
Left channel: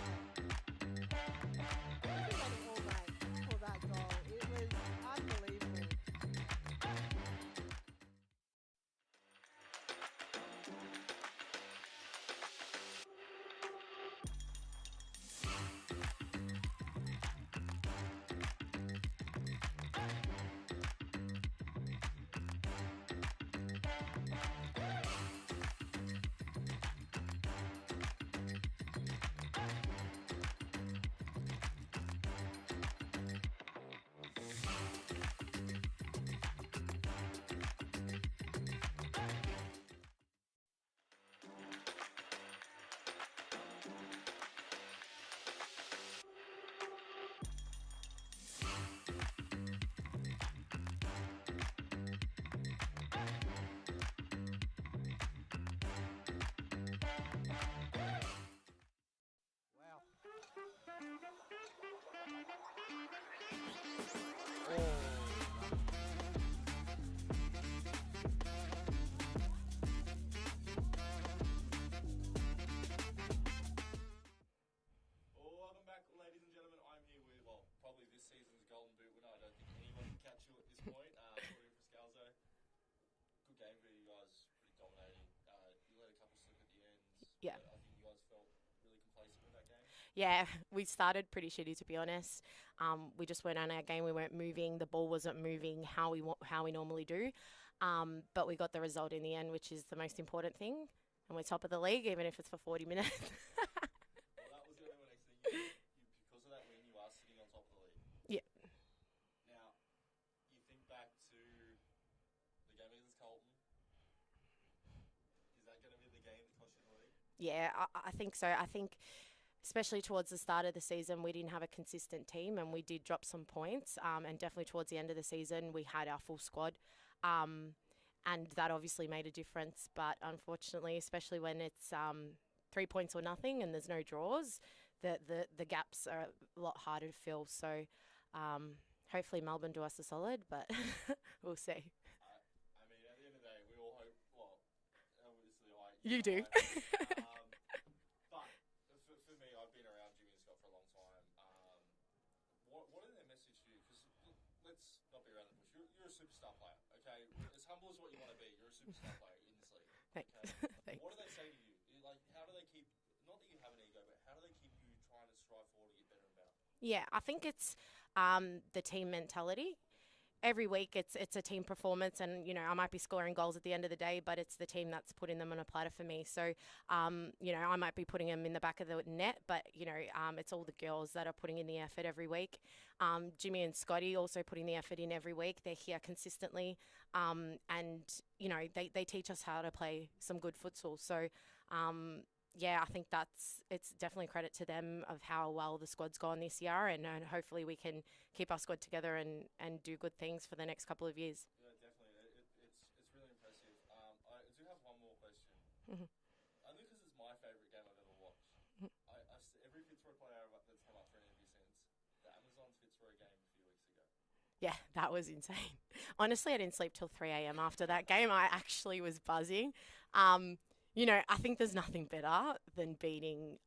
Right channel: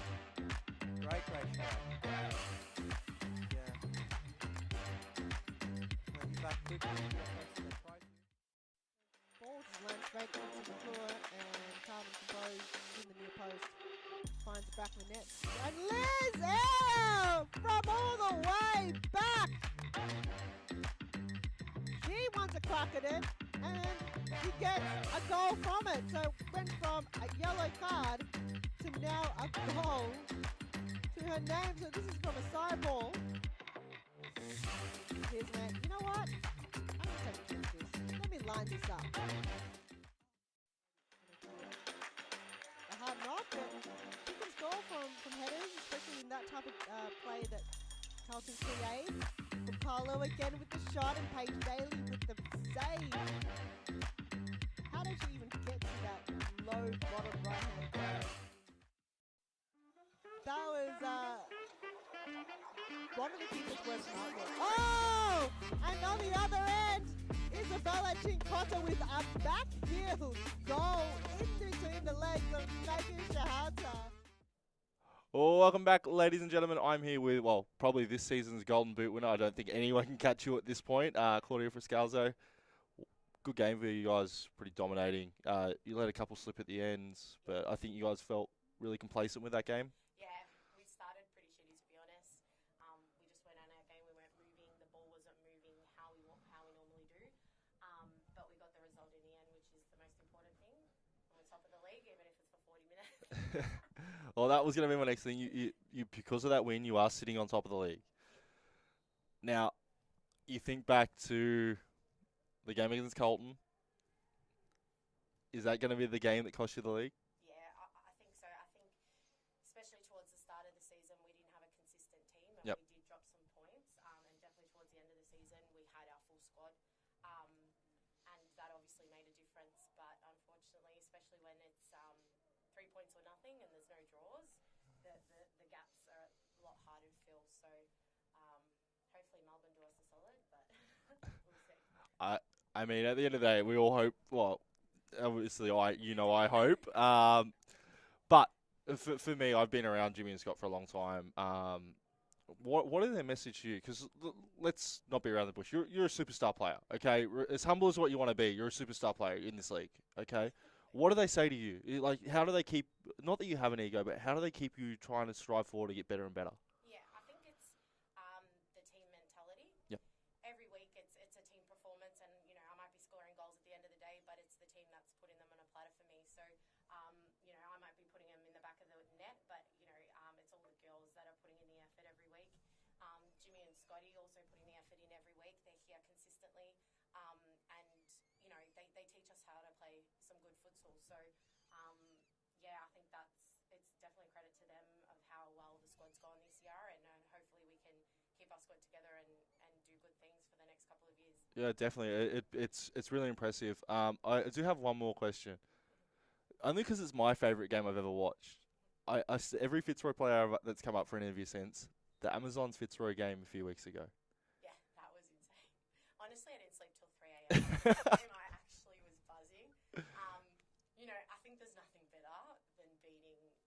welcome back, ladies and gentlemen. I'm here with, well, probably this season's Golden Boot winner. I don't think anyone can catch you at this point. Claudia Friscalzo. Good game for you guys, pretty dominating. You let a couple slip at the ends, but I think you guys felt really complacent with that game. Yeah, we started pretty shitty, to be honest. We just weren't on our game. We weren't moving. The ball wasn't moving how we normally do. But we got the result in the end, which is the most important thing. And we're top of the league, even if it's for 40 minutes. Well, that was going to be my next thing. You because of that win, you are sitting on top of the league. Yeah. Now, you think back to the game against Colton. Is that going to be the game that cost you the league? Yeah, I think so. I think especially towards the start of the season, we didn't have a consistent team and we did drop some points. And definitely towards the end of the season, we had our full squad. And that obviously made a difference. But unfortunately, especially when it's 3 points or nothing and there's no draws, the gaps are a lot harder to fill. So hopefully Melbourne do us a solid, but we'll see. I mean, at the end of the day, we all hope, well, obviously I hope. But for me, I've been around Jimmy and Scott for a long time. What are their message to you? Because let's not be around the bush. You're a superstar player, okay? As humble as what you want to be, you're a superstar player in this league, okay? What do they say to you? Like, how do they keep, not that you have an ego, but how do they keep you trying to strive forward to get better and better? Yeah, I think it's the team mentality. Yep. Every week it's a team performance, and I might be scoring goals at the end of the day, but it's the team that's putting them on a platter for me. So I might be putting them in the back of the net, but it's all the girls that are putting in the effort every week. Jimmy and Scotty also putting the effort in every week. They're here consistently, and they teach us how to play some good futsal. So I think it's definitely credit to them of how well the squad's gone this year, and hopefully we can keep our squad together and do good things for the next couple of years. Yeah, definitely. It's really impressive. I do have one more question. Mm-hmm. Only because it's my favourite game I've ever watched. Mm-hmm. Every Fitzroy player that's come up for an interview since, the Amazons Fitzroy game a few weeks ago. Yeah, that was insane. Honestly, I didn't sleep till 3 a.m. after that game. I actually was buzzing. I think there's nothing better than beating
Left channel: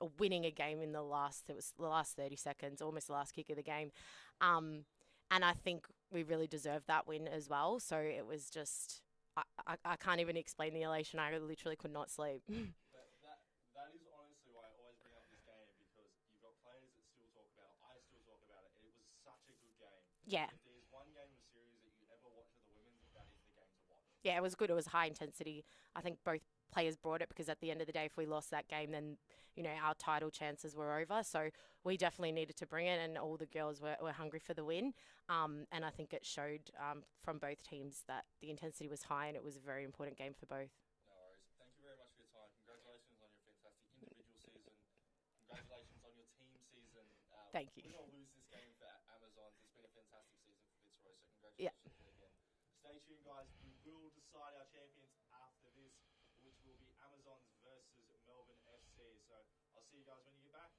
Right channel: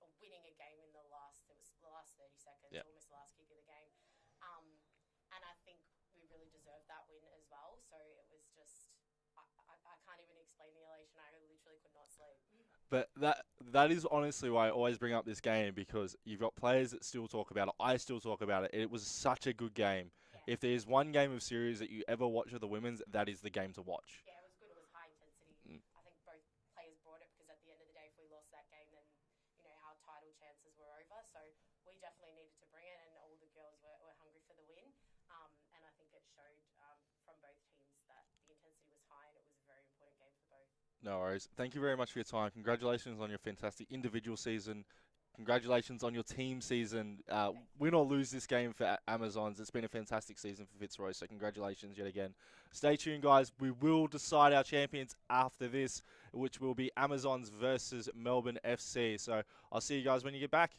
or winning a game in the last 30 seconds, almost the last kick of the game. And I think we really deserved that win as well. So it was just, I can't even explain the elation. I literally could not sleep. But that is honestly why I always bring up this game, because you've got players that still talk about it. I still talk about it. It was such a good game. Yeah. If there's one game of series that you ever watch of the women's, that is the game to watch. Yeah, it was good. It was high intensity. I think both players brought it, because at the end of the day, if we lost that game, then our title chances were over. So we definitely needed to bring it, and all the girls were hungry for the win. And I think it showed from both teams that the intensity was high, and it was a very important game for both. No worries. Thank you very much for your time. Congratulations on your fantastic individual season. Congratulations on your team season. Thank you. Win or lose this game for Amazons, it's been a fantastic season for Fitzroy, so congratulations yet again. Stay tuned, guys. We will decide our champions after this, which will be Amazons versus Melbourne FC. So I'll see you guys when you get back.